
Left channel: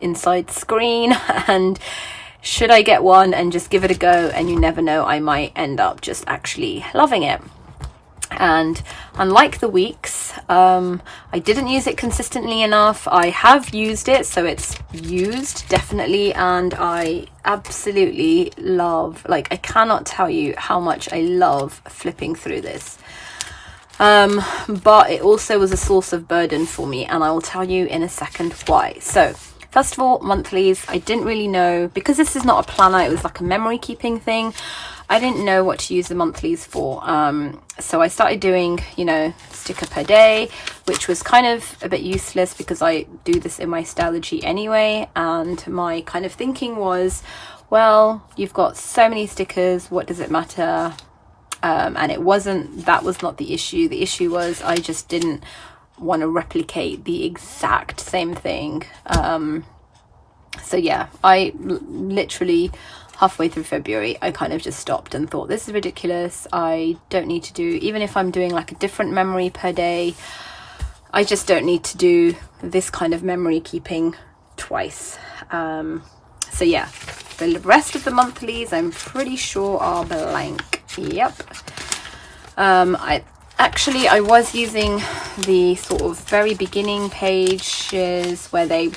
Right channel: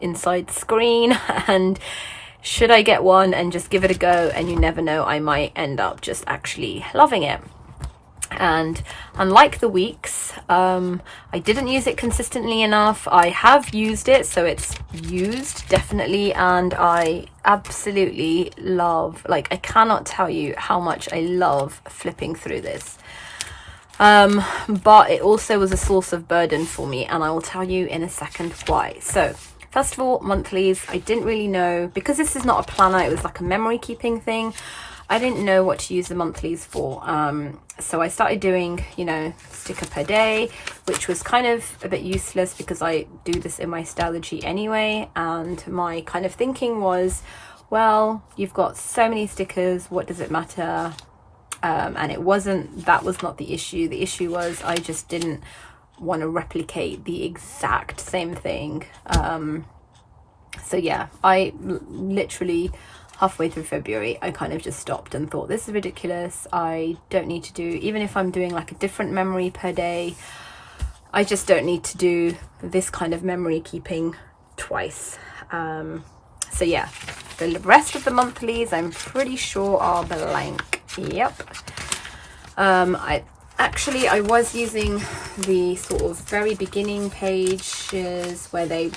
inside screen, and should I get one and just give it a go, and you never know, I might end up just actually loving it. And unlike the weeks, I didn't use it consistently enough. I have used it, so it's used definitely, and I absolutely love, like, I cannot tell you how much I love flipping through this. But it also was a source of burden for me, and I will tell you in a second why. So first of all, monthlies, I didn't really know, because this is not a planner, it was like a memory keeping thing. I didn't know what to use the monthlies for. So I started doing, you know, sticker per day, which was kind of a bit useless because I do this in my Stalogy anyway. And my kind of thinking was, well, you've got so many stickers, what does it matter? And it wasn't, that was not the issue. The issue was I just didn't want to replicate the exact same thing. So yeah, I literally halfway through February, I kind of just stopped and thought, this is ridiculous. I don't need to do, even if I'm doing like a different memory per day, I just don't need to do this kind of memory keeping twice. So yeah, the rest of the monthlies I'm pretty sure are blank. Yep. I was using the sort of very beginning pages where they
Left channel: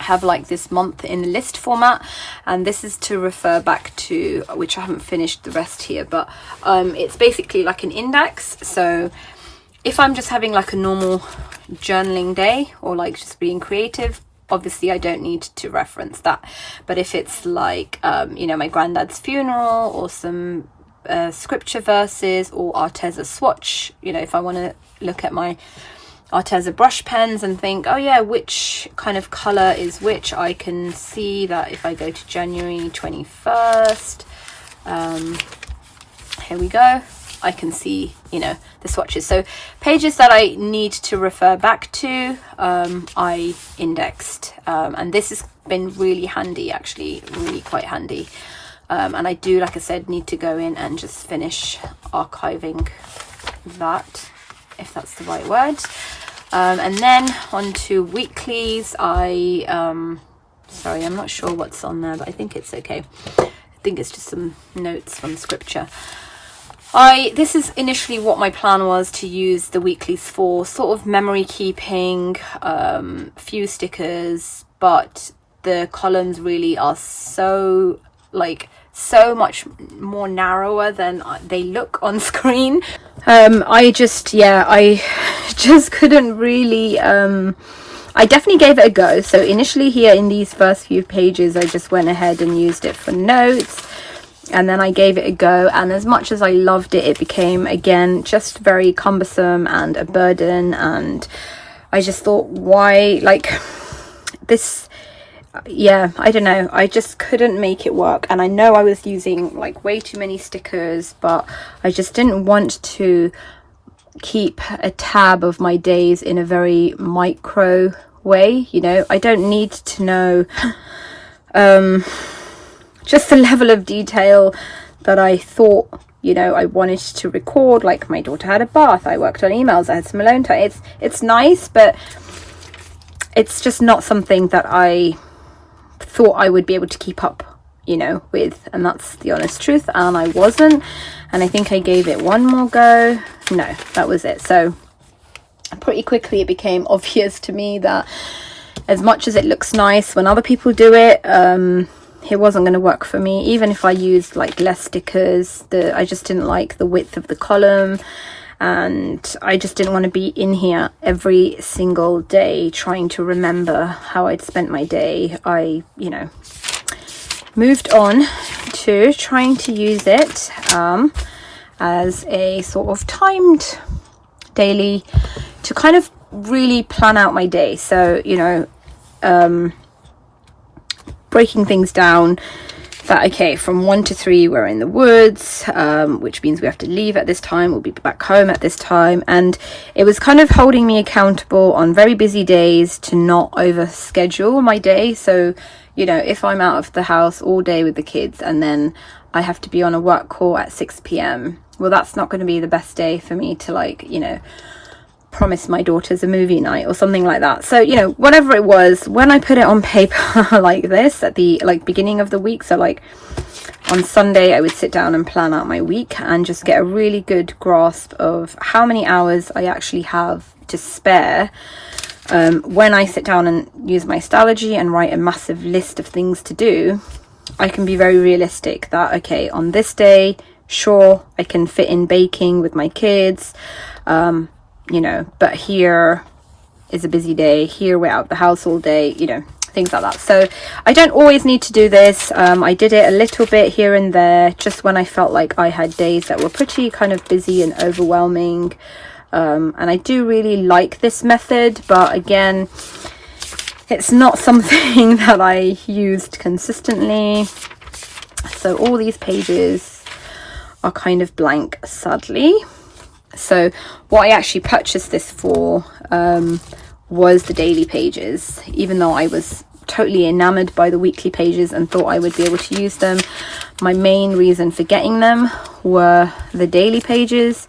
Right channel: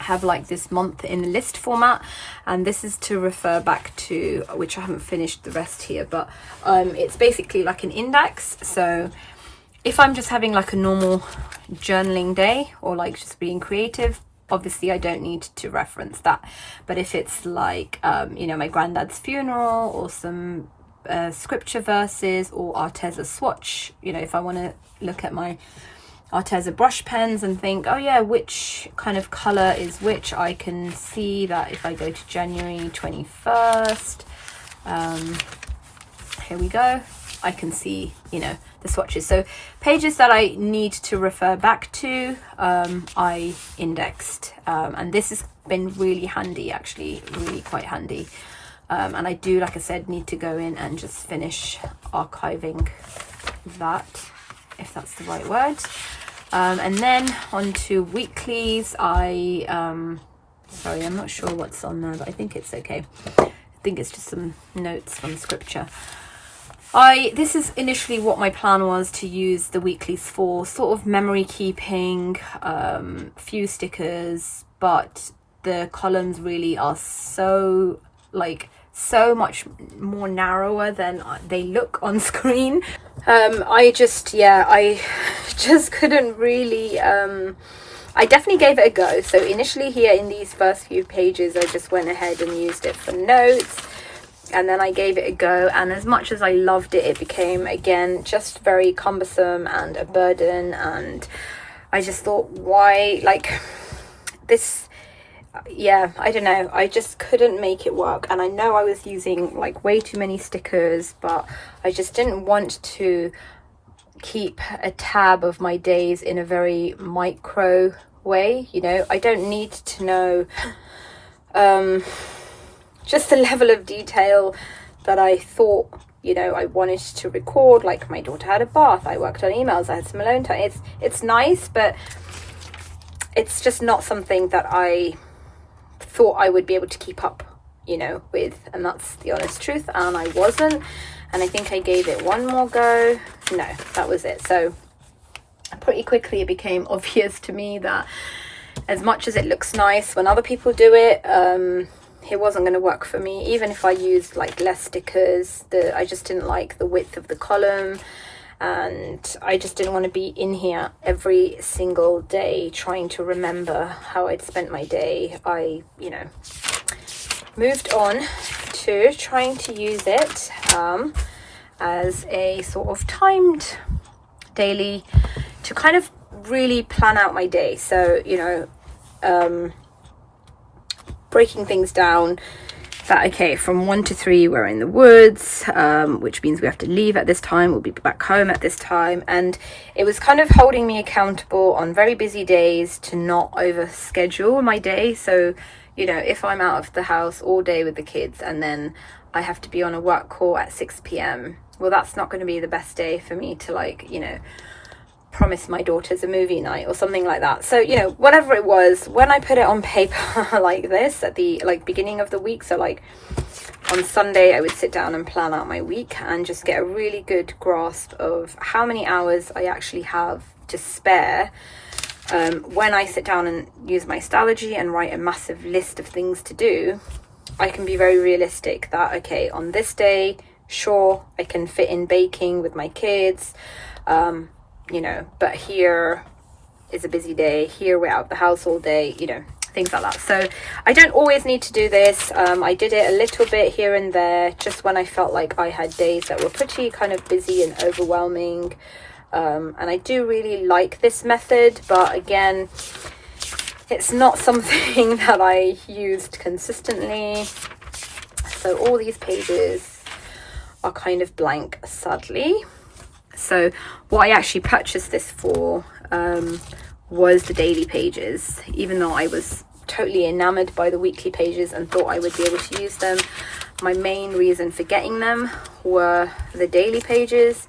have like this month in list format, and this is to refer back to, which I haven't finished the rest here, but it's basically like an index. So if I'm just having like a normal journaling day, or like just being creative, obviously I don't need to reference that. But if it's like you know, my granddad's funeral, or some scripture verses, or Arteza swatch, you know, if I want to look at my Arteza brush pens and think, oh yeah, which kind of color is which, I can see that if I go to January 21st, here we go, I can see, you know, the swatches. So pages that I need to refer back to, I indexed, and this has been really handy, actually, really quite handy. And I do, like I said, need to go in and just finish archiving that, if that's the right word. And then on to weeklies. Sorry, I'm not sure what's on there, but I think it's okay. I think it's just some notes from scripture. This is initially what my plan was to use the weeklies for, sort of memory keeping, few stickers, but the columns really are so, like, so much more narrower than they look on screen. I just couldn't really, I definitely gave it a go. So initially here in these first few pages, I just went ahead and used it for notes, and then I gave it a go, and as much as I loved it, it became, again, just very cumbersome and a burden. And I just thought, why, like, this, yeah, I don't know, I just couldn't make it work. And I know I was using like way too many stickers, but I just didn't want to keep a tab of my days in a very micro way, you know. I don't need to know just the level of detail that I thought, you know, I wanted to record. Like, my daughter had a bath, I worked on emails, I had some alone time. It's nice, but it's just not something that I thought I would be able to keep up, you know, with, and that's the honest truth. And I wasn't, and I think I gave it one more go. No, that was it. So pretty quickly it became obvious to me that as much as it looks nice when other people do it, it wasn't going to work for me. Even if I used like less stickers, I just didn't like the width of the column, and I just didn't want to be in here every single day trying to remember how I'd spent my day. I, you know, moved on to trying to use it as a sort of timed daily to kind of really plan out my day. So, you know, breaking things down that, okay, from 1 to 3 we're in the woods, which means we have to leave at this time, we'll be back home at this time. And it was kind of holding me accountable on very busy days to not over schedule my day. So, you know, if I'm out of the house all day with the kids and then I have to be on a work call at 6 p.m, well, that's not going to be the best day for me to, like, you know, promise my daughters a movie night or something like that. So, you know, whatever it was, when I put it on paper like this at the beginning of the week, so like on Sunday I would sit down and plan out my week and just get a really good grasp of how many hours I actually have to spare when I sit down and use my Stalogy and write a massive list of things to do. I can be very realistic that, okay, on this day, sure, I can fit in baking with my kids, you know, but here is a busy day, here we're out the house all day, you know, things like that. So I don't always need to do this. I did it a little bit here and there, just when I felt like I had days that were pretty kind of busy and overwhelming. And I do really like this method, but again, it's not something that I used consistently. So all these pages are kind of blank, sadly. So what I actually purchased this for was the daily pages, even though I was totally enamored by the weekly pages and thought I would be able to use them. My main reason for getting them were the daily pages,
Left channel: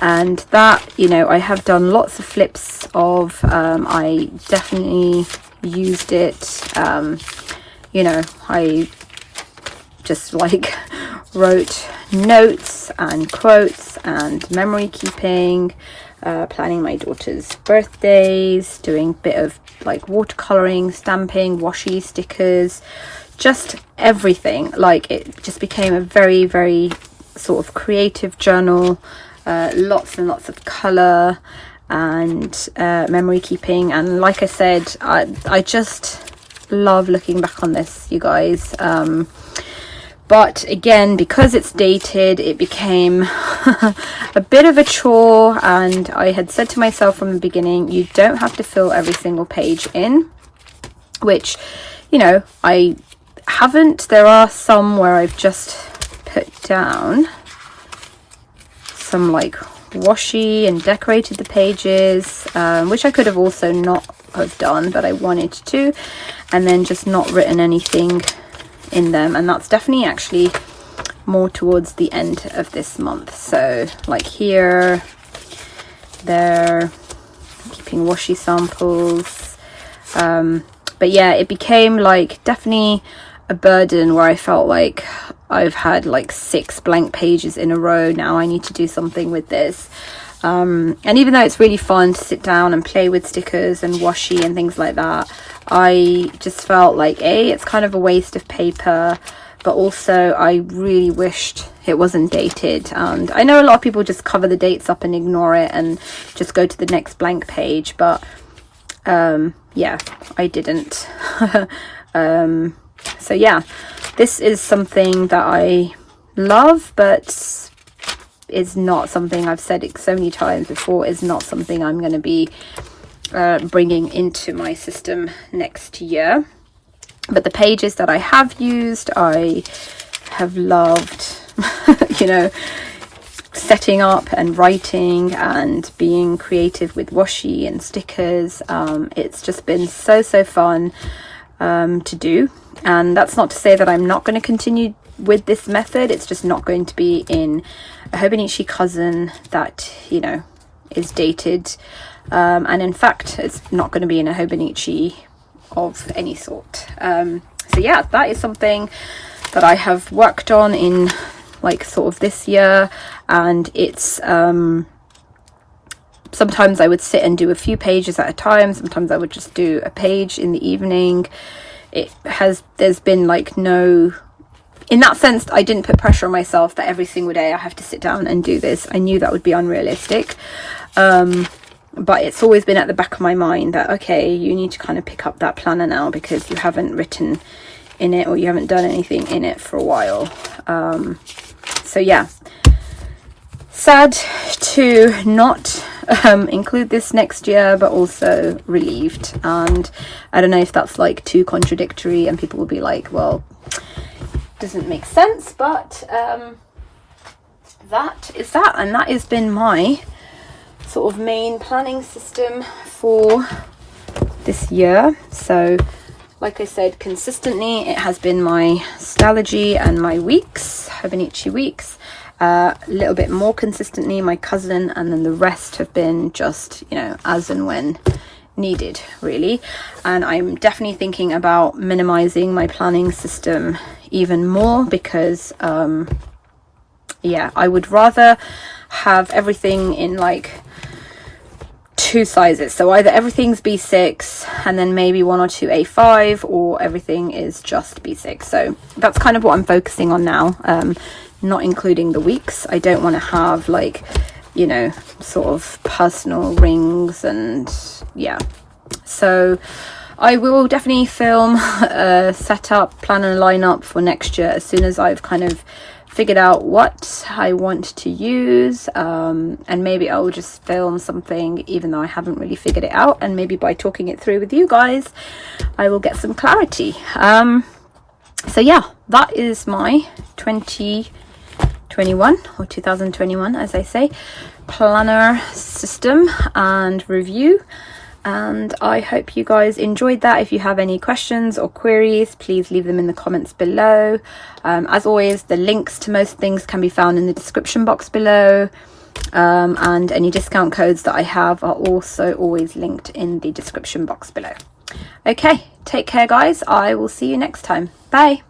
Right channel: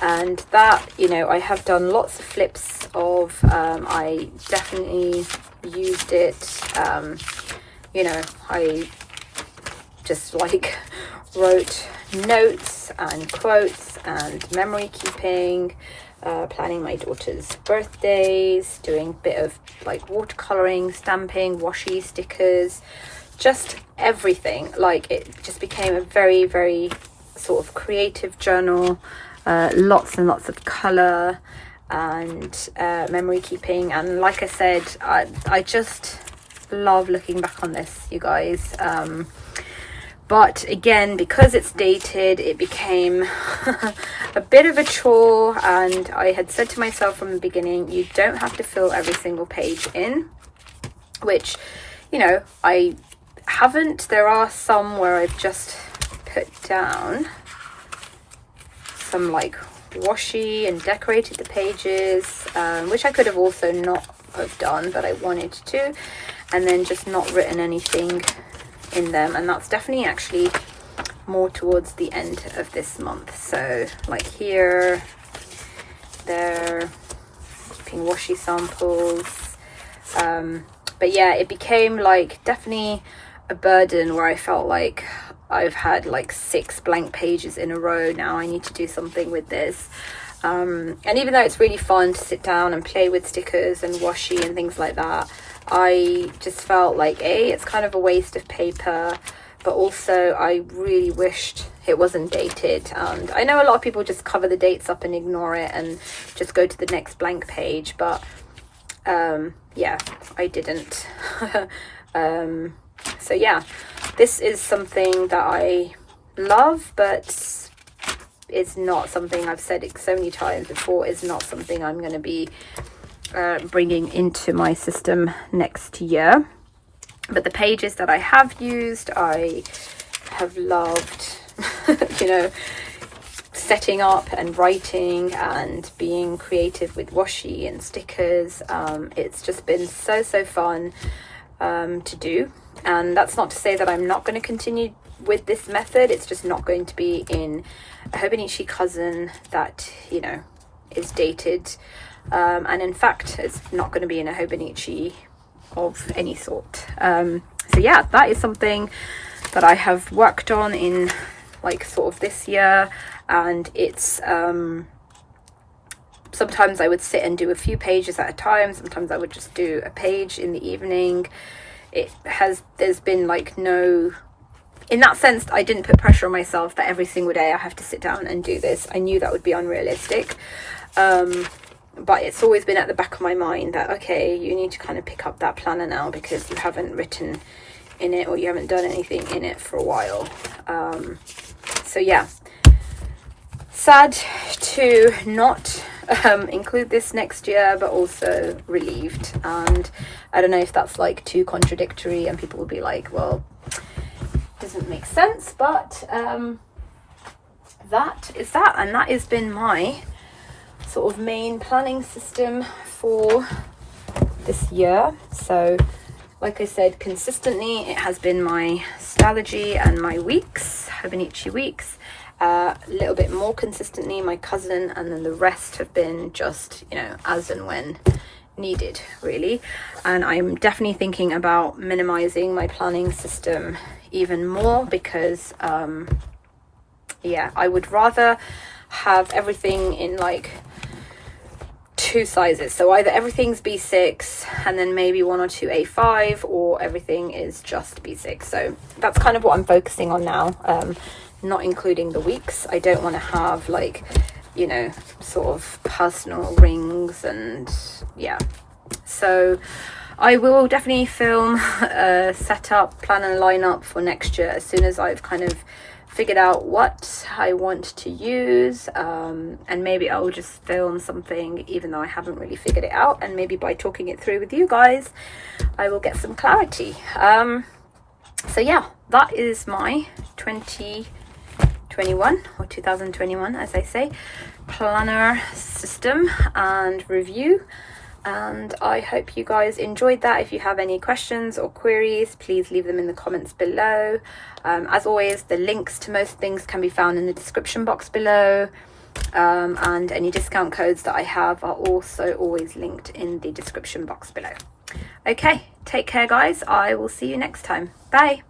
and that, you know, I have done lots of flips of. I definitely used it, you know, I just like wrote notes and quotes and memory keeping, planning my daughter's birthdays, doing a bit of like watercoloring, stamping, washi, stickers, just everything. Like, it just became a very, very sort of creative journal, lots and lots of color and memory keeping. And like I said, I just love looking back on this, you guys. But again, because it's dated, it became a bit of a chore, and I had said to myself from the beginning, you don't have to fill every single page in, which, you know, I haven't. There are some where I've just put down some like washi and decorated the pages, which I could have also not have done, but I wanted to, and then just not written anything in them. And that's definitely actually more towards the end of this month. So like here, there, keeping washi samples. But yeah, it became like definitely a burden where I felt like I've had like 6 blank pages in a row. Now I need to do something with this. And even though it's really fun to sit down and play with stickers and washi and things like that, I just felt like it's kind of a waste of paper, but also I really wished it wasn't dated. And I know a lot of people just cover the dates up and ignore it and just go to the next blank page, but yeah, I didn't. So yeah, this is something that I love, but is not something, I've said it so many times before, is not something I'm going to be bringing into my system next year. But the pages that I have used, I have loved, you know, setting up and writing and being creative with washi and stickers. It's just been so fun to do. And that's not to say that I'm not going to continue with this method. It's just not going to be in a Hobonichi Cousin that, you know, is dated. And in fact, it's not going to be in a Hobonichi of any sort. So yeah, that is something that I have worked on in like sort of this year. And it's sometimes I would sit and do a few pages at a time. Sometimes I would just do a page in the evening. There's been like no, in that sense, I didn't put pressure on myself that every single day I have to sit down and do this. I knew that would be unrealistic. But it's always been at the back of my mind that, okay, you need to kind of pick up that planner now because you haven't written in it or you haven't done anything in it for a while. So yeah, sad to not include this next year, but also relieved. And I don't know if that's like too contradictory and people will be like, well, doesn't make sense, but that is that. And that has been my sort of main planning system for this year. So like I said, consistently it has been my Stalogy and my weeks, Hobonichi Weeks. A little bit more consistently my cousin, and then the rest have been just, you know, as and when needed, really. And I'm definitely thinking about minimizing my planning system even more because yeah, I would rather have everything in like 2 sizes. So either everything's B6 and then maybe 1 or 2 A5, or everything is just B6. So that's kind of what I'm focusing on now. Not including the weeks. I don't want to have like, you know, sort of personal rings and yeah. So I will definitely film a setup, plan and line up for next year as soon as I've kind of figured out what I want to use, and maybe I will just film something even though I haven't really figured it out, and maybe by talking it through with you guys I will get some clarity. So yeah, that is my 2021 or 2021 as I say planner system and review, and I hope you guys enjoyed that. If you have any questions or queries, please leave them in the comments below. As always, the links to most things can be found in the description box below, and any discount codes that I have are also always linked in the description box below. Okay, take care guys, I will see you next time. Bye.